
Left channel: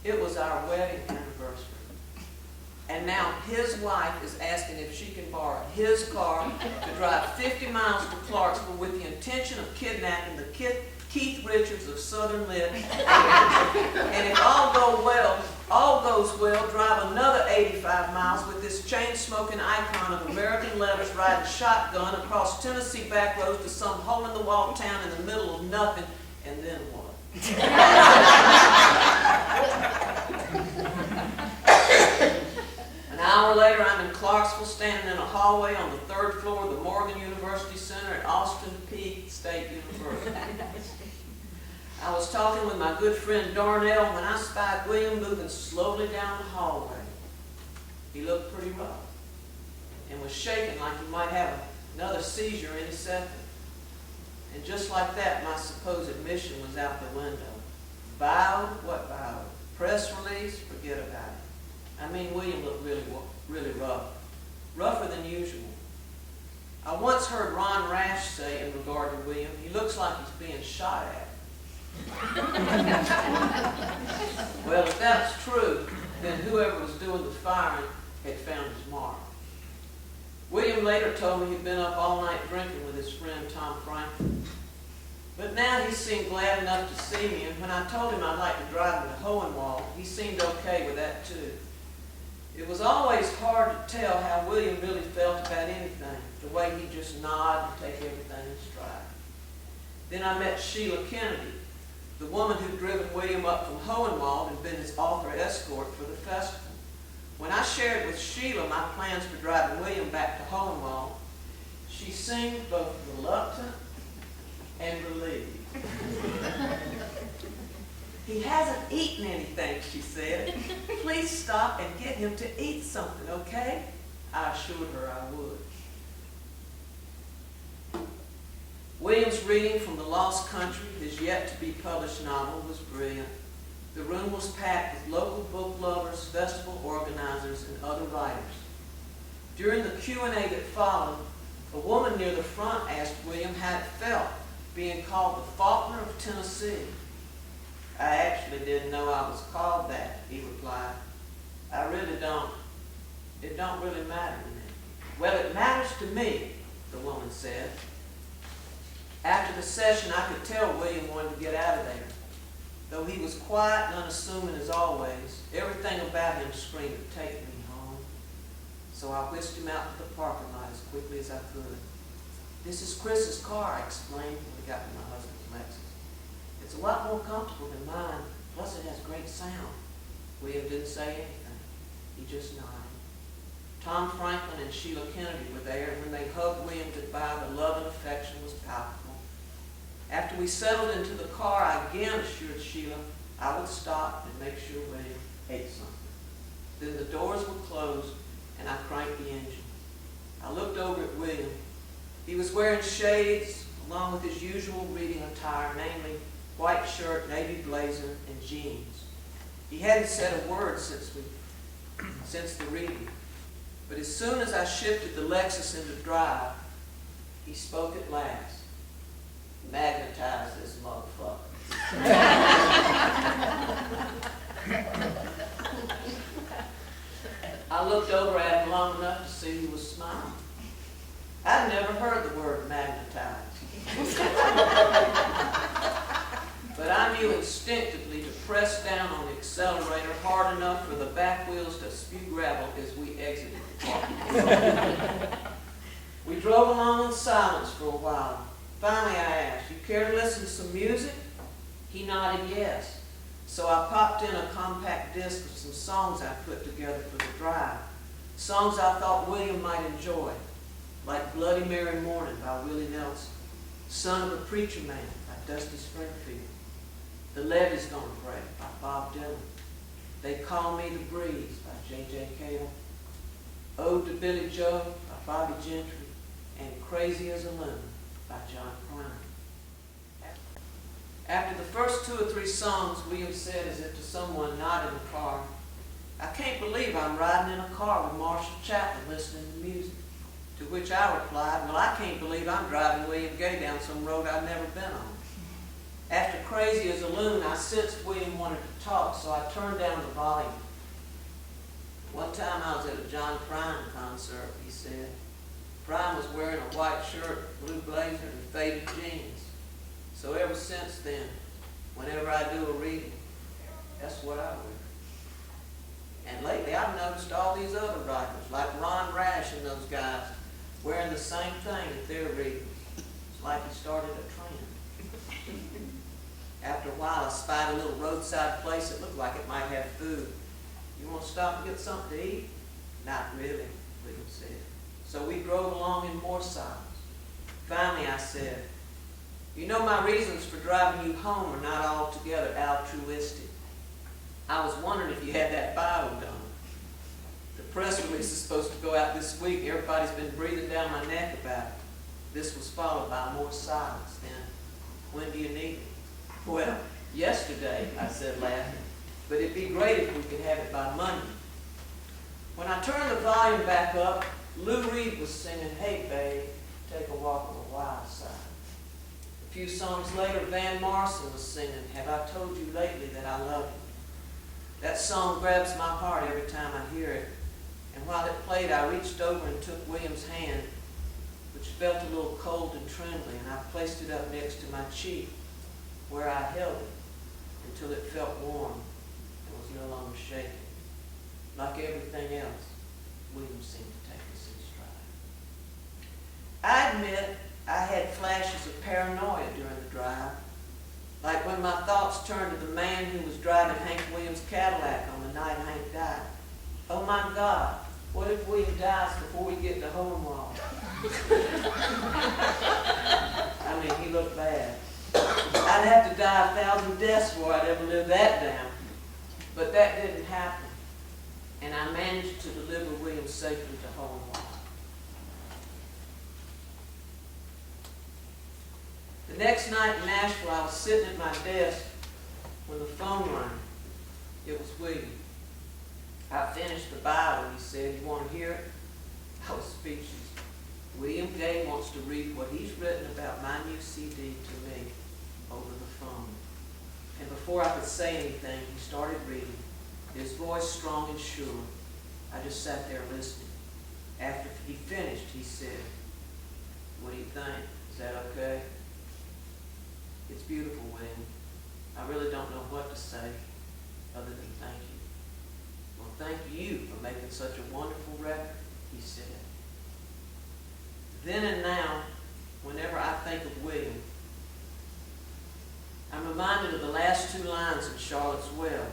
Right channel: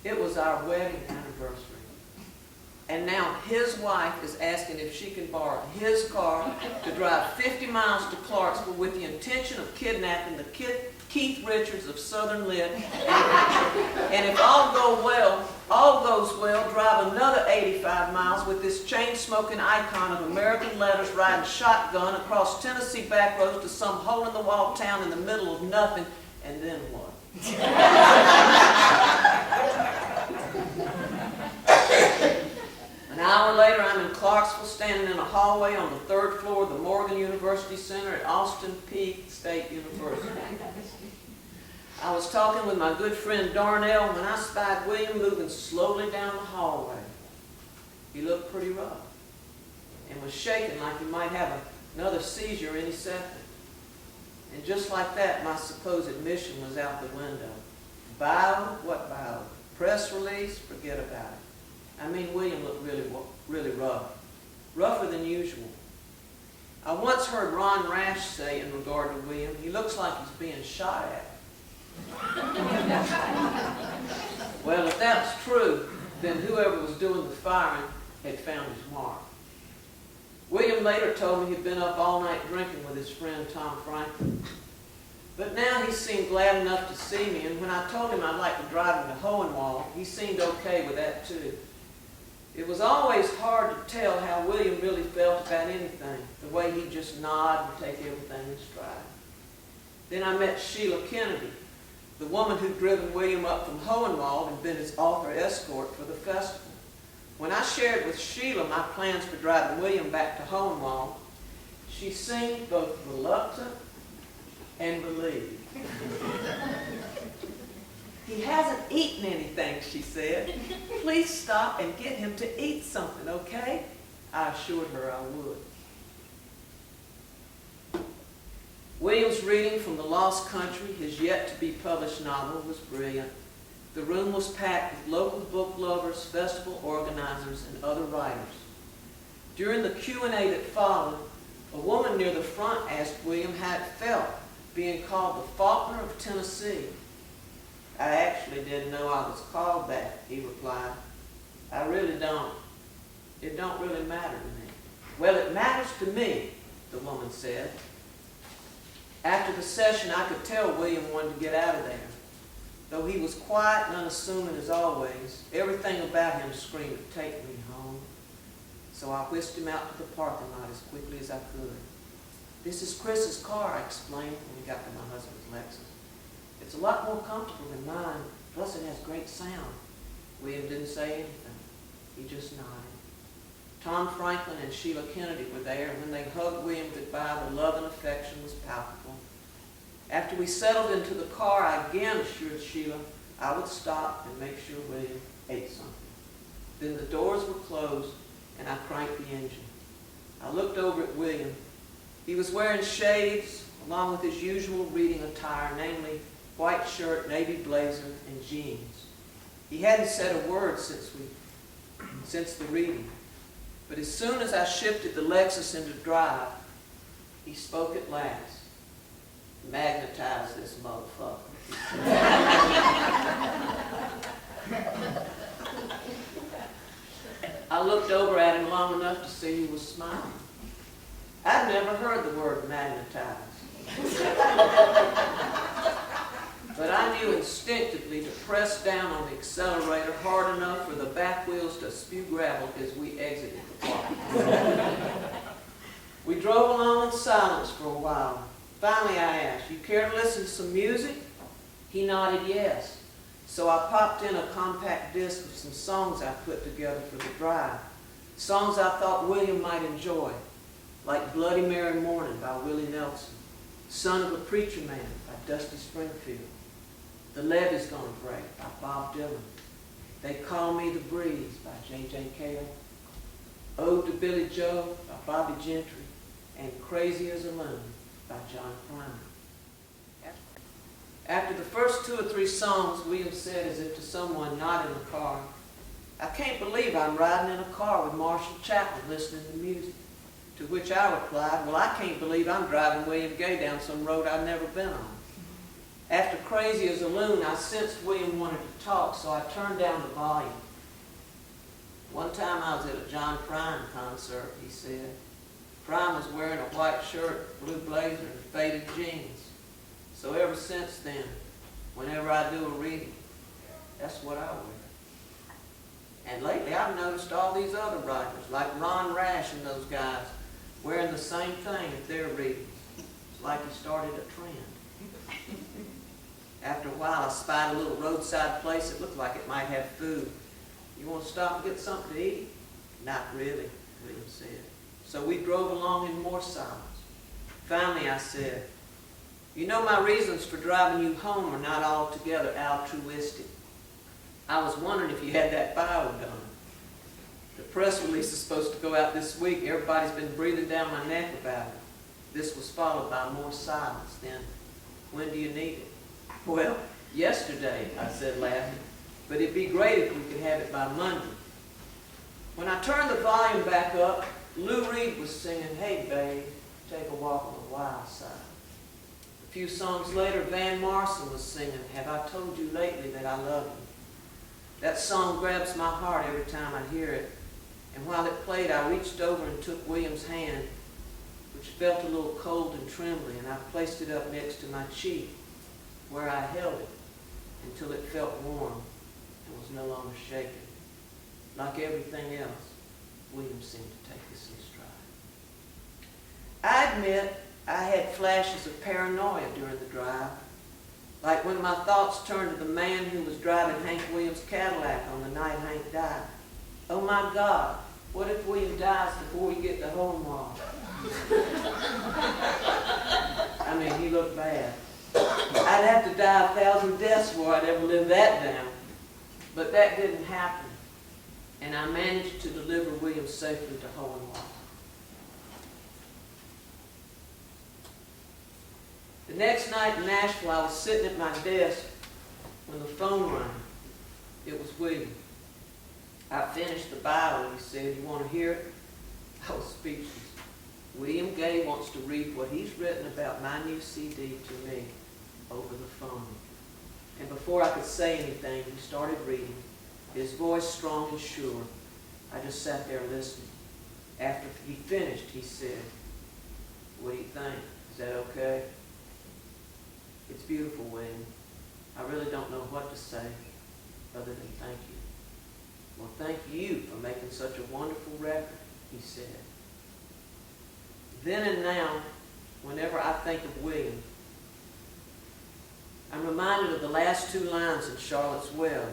It was our wedding anniversary. And now his wife is asking if she can borrow his car to drive 50 miles to Clarksville with the intention of kidnapping the Keith Richards of Southern Lit. And if all goes well, drive another 85 miles with this chain-smoking icon of American letters riding shotgun across Tennessee back roads to some hole-in-the-wall town in the middle of nothing. And then what? An hour later, I'm in Clarksville, standing in a hallway on the 3rd floor of the Morgan University Center at Austin Peay State University. I was talking with my good friend Darnell when I spied William moving slowly down the hallway. He looked pretty rough and was shaking like he might have another seizure any second. And just like that, my supposed mission was out the window. Bio? What bio? Press release? Forget about it. I mean, William looked really rough. Rougher than usual. I once heard Ron Rash say in regard to William, he looks like he's being shot at. Well, if that's true, then whoever was doing the firing had found his mark. William later told me he'd been up all night drinking with his friend Tom Franklin. But now he seemed glad enough to see me, and when I told him I'd like to drive him to Hohenwald, he seemed okay with that too. It was always hard to tell how William really felt about anything, the way he'd just nod and take everything in stride. Then I met Sheila Kennedy, the woman who'd driven William up from Hohenwald and been his author escort for the festival. When I shared with Sheila my plans for driving William back to Hohenwald, she seemed both reluctant and relieved. He hasn't eaten anything, she said. Please stop and get him to eat something, okay? I assured her I would. William's reading from The Lost Country, his yet-to-be-published novel, was brilliant. The room was packed with local book lovers, festival organizers, and other writers. During the Q&A that followed, a woman near the front asked William how it felt being called the Faulkner of Tennessee. I actually didn't know I was called that, he replied. I really don't. It don't really matter to me. Well, it matters to me, the woman said. After the session, I could tell William wanted to get out of there. Though he was quiet and unassuming as always, everything about him screamed, "Take me home." So I whisked him out to the parking lot as quickly as I could. "This is Chris's car," I explained when we got to my husband's Lexus. "It's a lot more comfortable than mine, plus it has great sound." William didn't say anything. He just nodded. Tom Franklin and Sheila Kennedy were there, and when they hugged William goodbye, the love and affection was palpable. After we settled into the car, I again assured Sheila I would stop and make sure William ate something. Then the doors were closed, and I cranked the engine. I looked over at William. He was wearing shades, along with his usual reading attire, namely white shirt, navy blazer, and jeans. He hadn't said a word since the reading. But as soon as I shifted the Lexus into drive, he spoke at last. "Magnetize this motherfucker." I looked over at him long enough to see he was smiling. I'd never heard the word magnetize. But I knew instinctively to press down on the accelerator hard enough for the back wheels to spew gravel as we exited the park. We drove along in silence for a while. Finally I asked, "You care to listen to some music?" He nodded yes. So I popped in a compact disc of some songs I put together for the drive. Songs I thought William might enjoy, like "Bloody Mary Morning" by Willie Nelson, "Son of a Preacher Man" by Dusty Springfield, "The Levee's Gonna Break" by Bob Dylan, "They Call Me the Breeze" by J.J. Cale, "Ode to Billy Joe" by Bobby Gentry, and "Crazy as a Loon" by John Prine. After the first 2 or 3 songs, William said, as if to someone not in the car, "I can't believe I'm riding in a car with Marshall Chapman listening to music." To which I replied, "Well, I can't believe I'm driving William Gay down some road I've never been on." After "Crazy as a Loon," I sensed William wanted to talk, so I turned down the volume. "One time I was at a John Prine concert," he said. "Prine was wearing a white shirt, blue blazer, and faded jeans. So ever since then, whenever I do a reading, that's what I wear. And lately I've noticed all these other writers, like Ron Rash and those guys, wearing the same thing at their readings. It's like he started a trend." After a while, I spied a little roadside place that looked like it might have food. "You want to stop and get something to eat?" "Not really," William said. So we drove along in more silence. Finally I said, "You know, my reasons for driving you home are not altogether altruistic. I was wondering if you had that bio done. The press release is supposed to go out this week. Everybody's been breathing down my neck about it." This was followed by more silence. Then, "When do you need it?" "Well, yesterday," I said, laughing. "But it'd be great if we could have it by Monday." When I turned the volume back up, Lou Reed was singing "Hey Babe, Take a Walk on the Wild Side." A few songs later, Van Morrison was singing "Have I Told You Lately That I Love You." That song grabs my heart every time I hear it, and while it played, I reached over and took William's hand, which felt a little cold and trembling, and I placed it up next to my cheek, where I held it until it felt warm and was no longer shaking. Like everything else, William seemed to take this in stride. I admit I had flashes of paranoia during the drive, like when my thoughts turned to the man who was driving Hank Williams' Cadillac on the night Hank died. Oh my God, what if William dies before we get to Hohenwald? I mean, he looked bad. I'd have to die 1,000 deaths before I'd ever live that down. But that didn't happen, and I managed to deliver William safely to Hohenwald. The next night in Nashville, I was sitting at my desk when the phone rang. It was William. I finished the bio and he said, "You want to hear it?" I was speechless. William Gay wants to read what he's written about my new CD to me over the phone. And before I could say anything, he started reading, his voice strong and sure. I just sat there listening. After he finished, he said, "What do you think? Is that okay?" It's beautiful, William. I really don't know what to say other than thank you. Well, thank you for making such a wonderful record, he said. Then and now, whenever I think of William, I'm reminded of the last two lines in Charlotte's Web,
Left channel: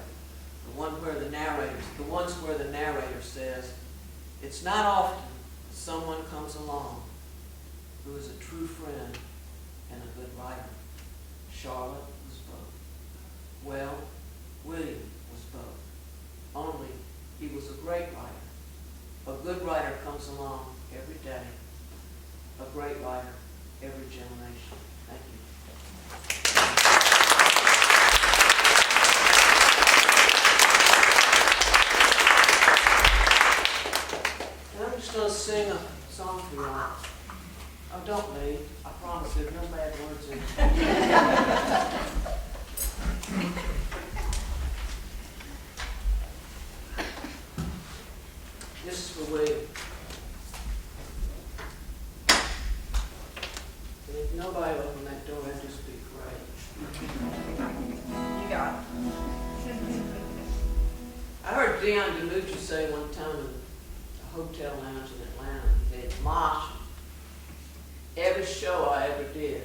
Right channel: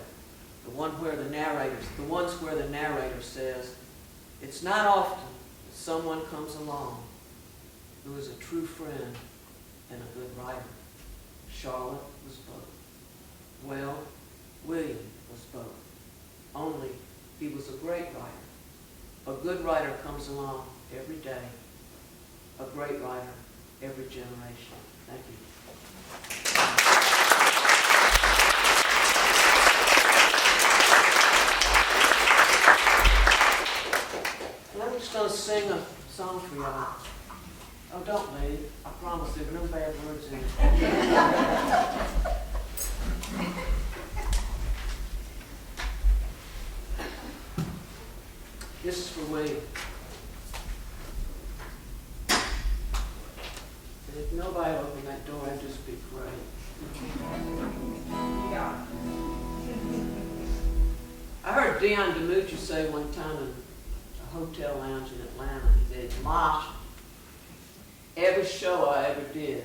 the ones where the narrator says, "It's not often that someone comes along who is a true friend and a good writer." Charlotte was both. Well, William was both. Only he was a great writer. A good writer comes along every day. A great writer every generation. Thank you. And I'm just going to sing a song for y'all. Oh, don't leave. I promise there are no bad words in it. This is for William. And if nobody opened that door, that'd just be great. You got it. I heard Dion DiMucci say one time in a hotel lounge in Atlanta, he said, "Mosh, every show I ever did,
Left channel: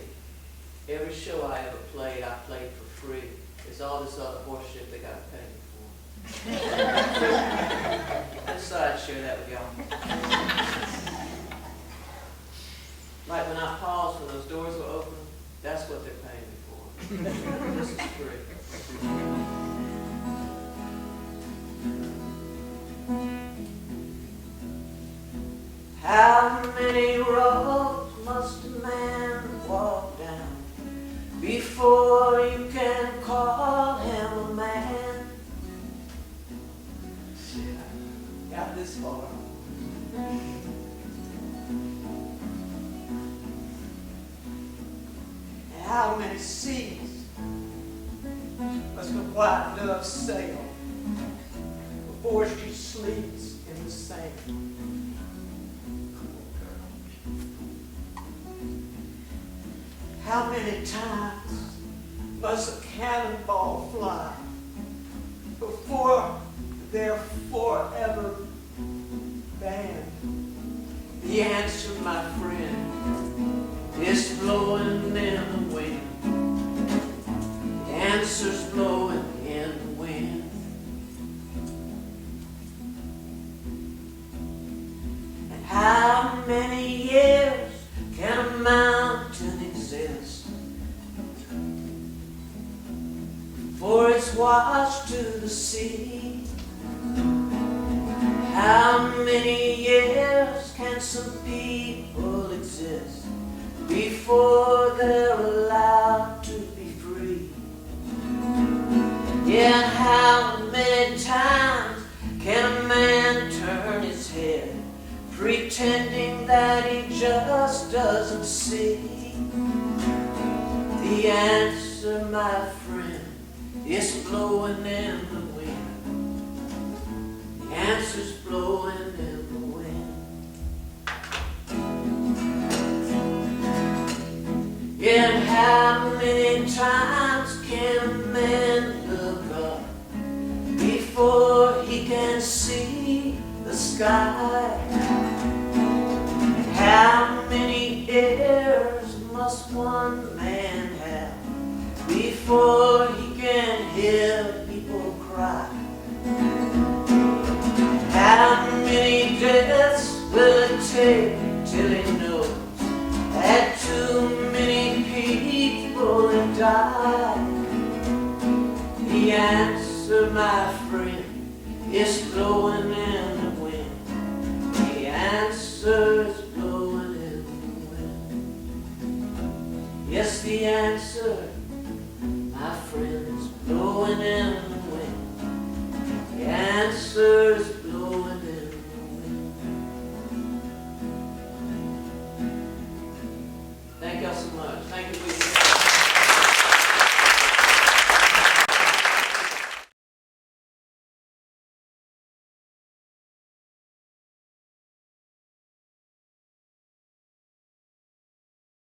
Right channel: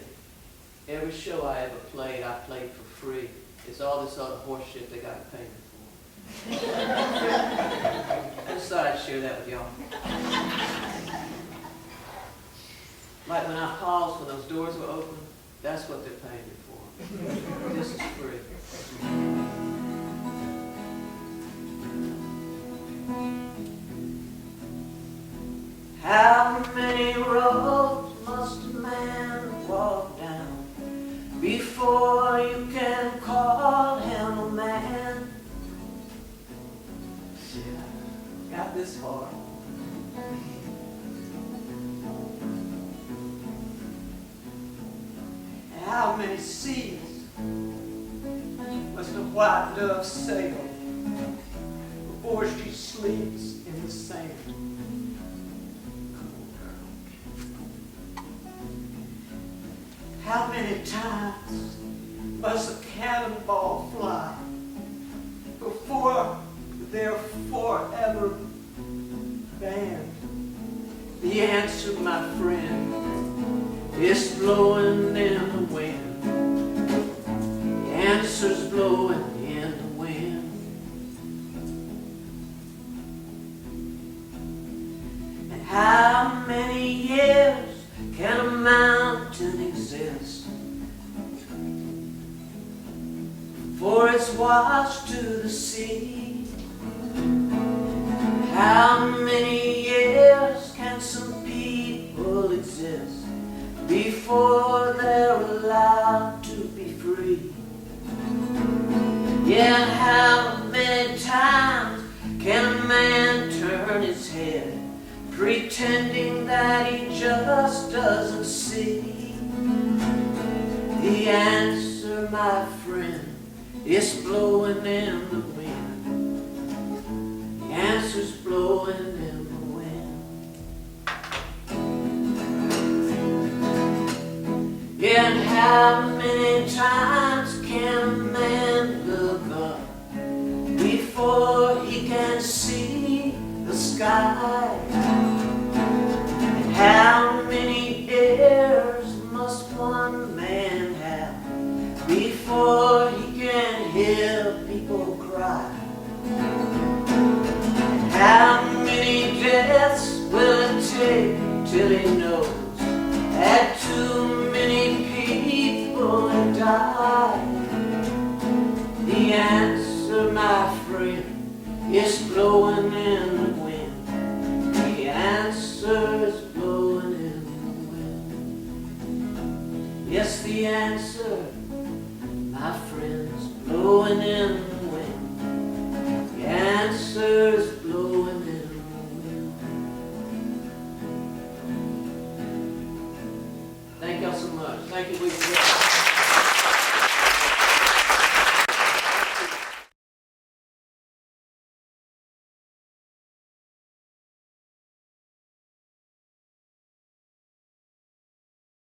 every show I ever played, I played for free. It's all this other horse shit they got to pay me for." I just thought I'd share that with y'all. Like when I paused when those doors were open, that's what they're paying me for. This is free. How many roads must a man walk down before you can call him a man? Shit, I got this far. How many seas must a white dove sail before she sleeps in the sand? Come on, girl. How many times must a cannonball fly before they're forever banned? The answer, my friend, is blowing in the wind. The answer's blowing in the wind. And how many years can a mountain exist before it's washed to the sea? How many years can some people exist before they're allowed to be free? Yeah, how many times can a man turn his head, pretending that he just doesn't see? The answer, my friend, is blowing in the wind. The answer's blowing in the wind. And how many times can a man look up before he can see the sky? And how many ears must one man have before he can hear people cry? And how many deaths will it take till he knows that too many people have died? The answer, my friend, is blowing in the wind. The answer is blowing in the wind. Yes, the answer, my friend, is blowing in the wind. The answer is blowing in the wind. Thank y'all so much. Thank you, William.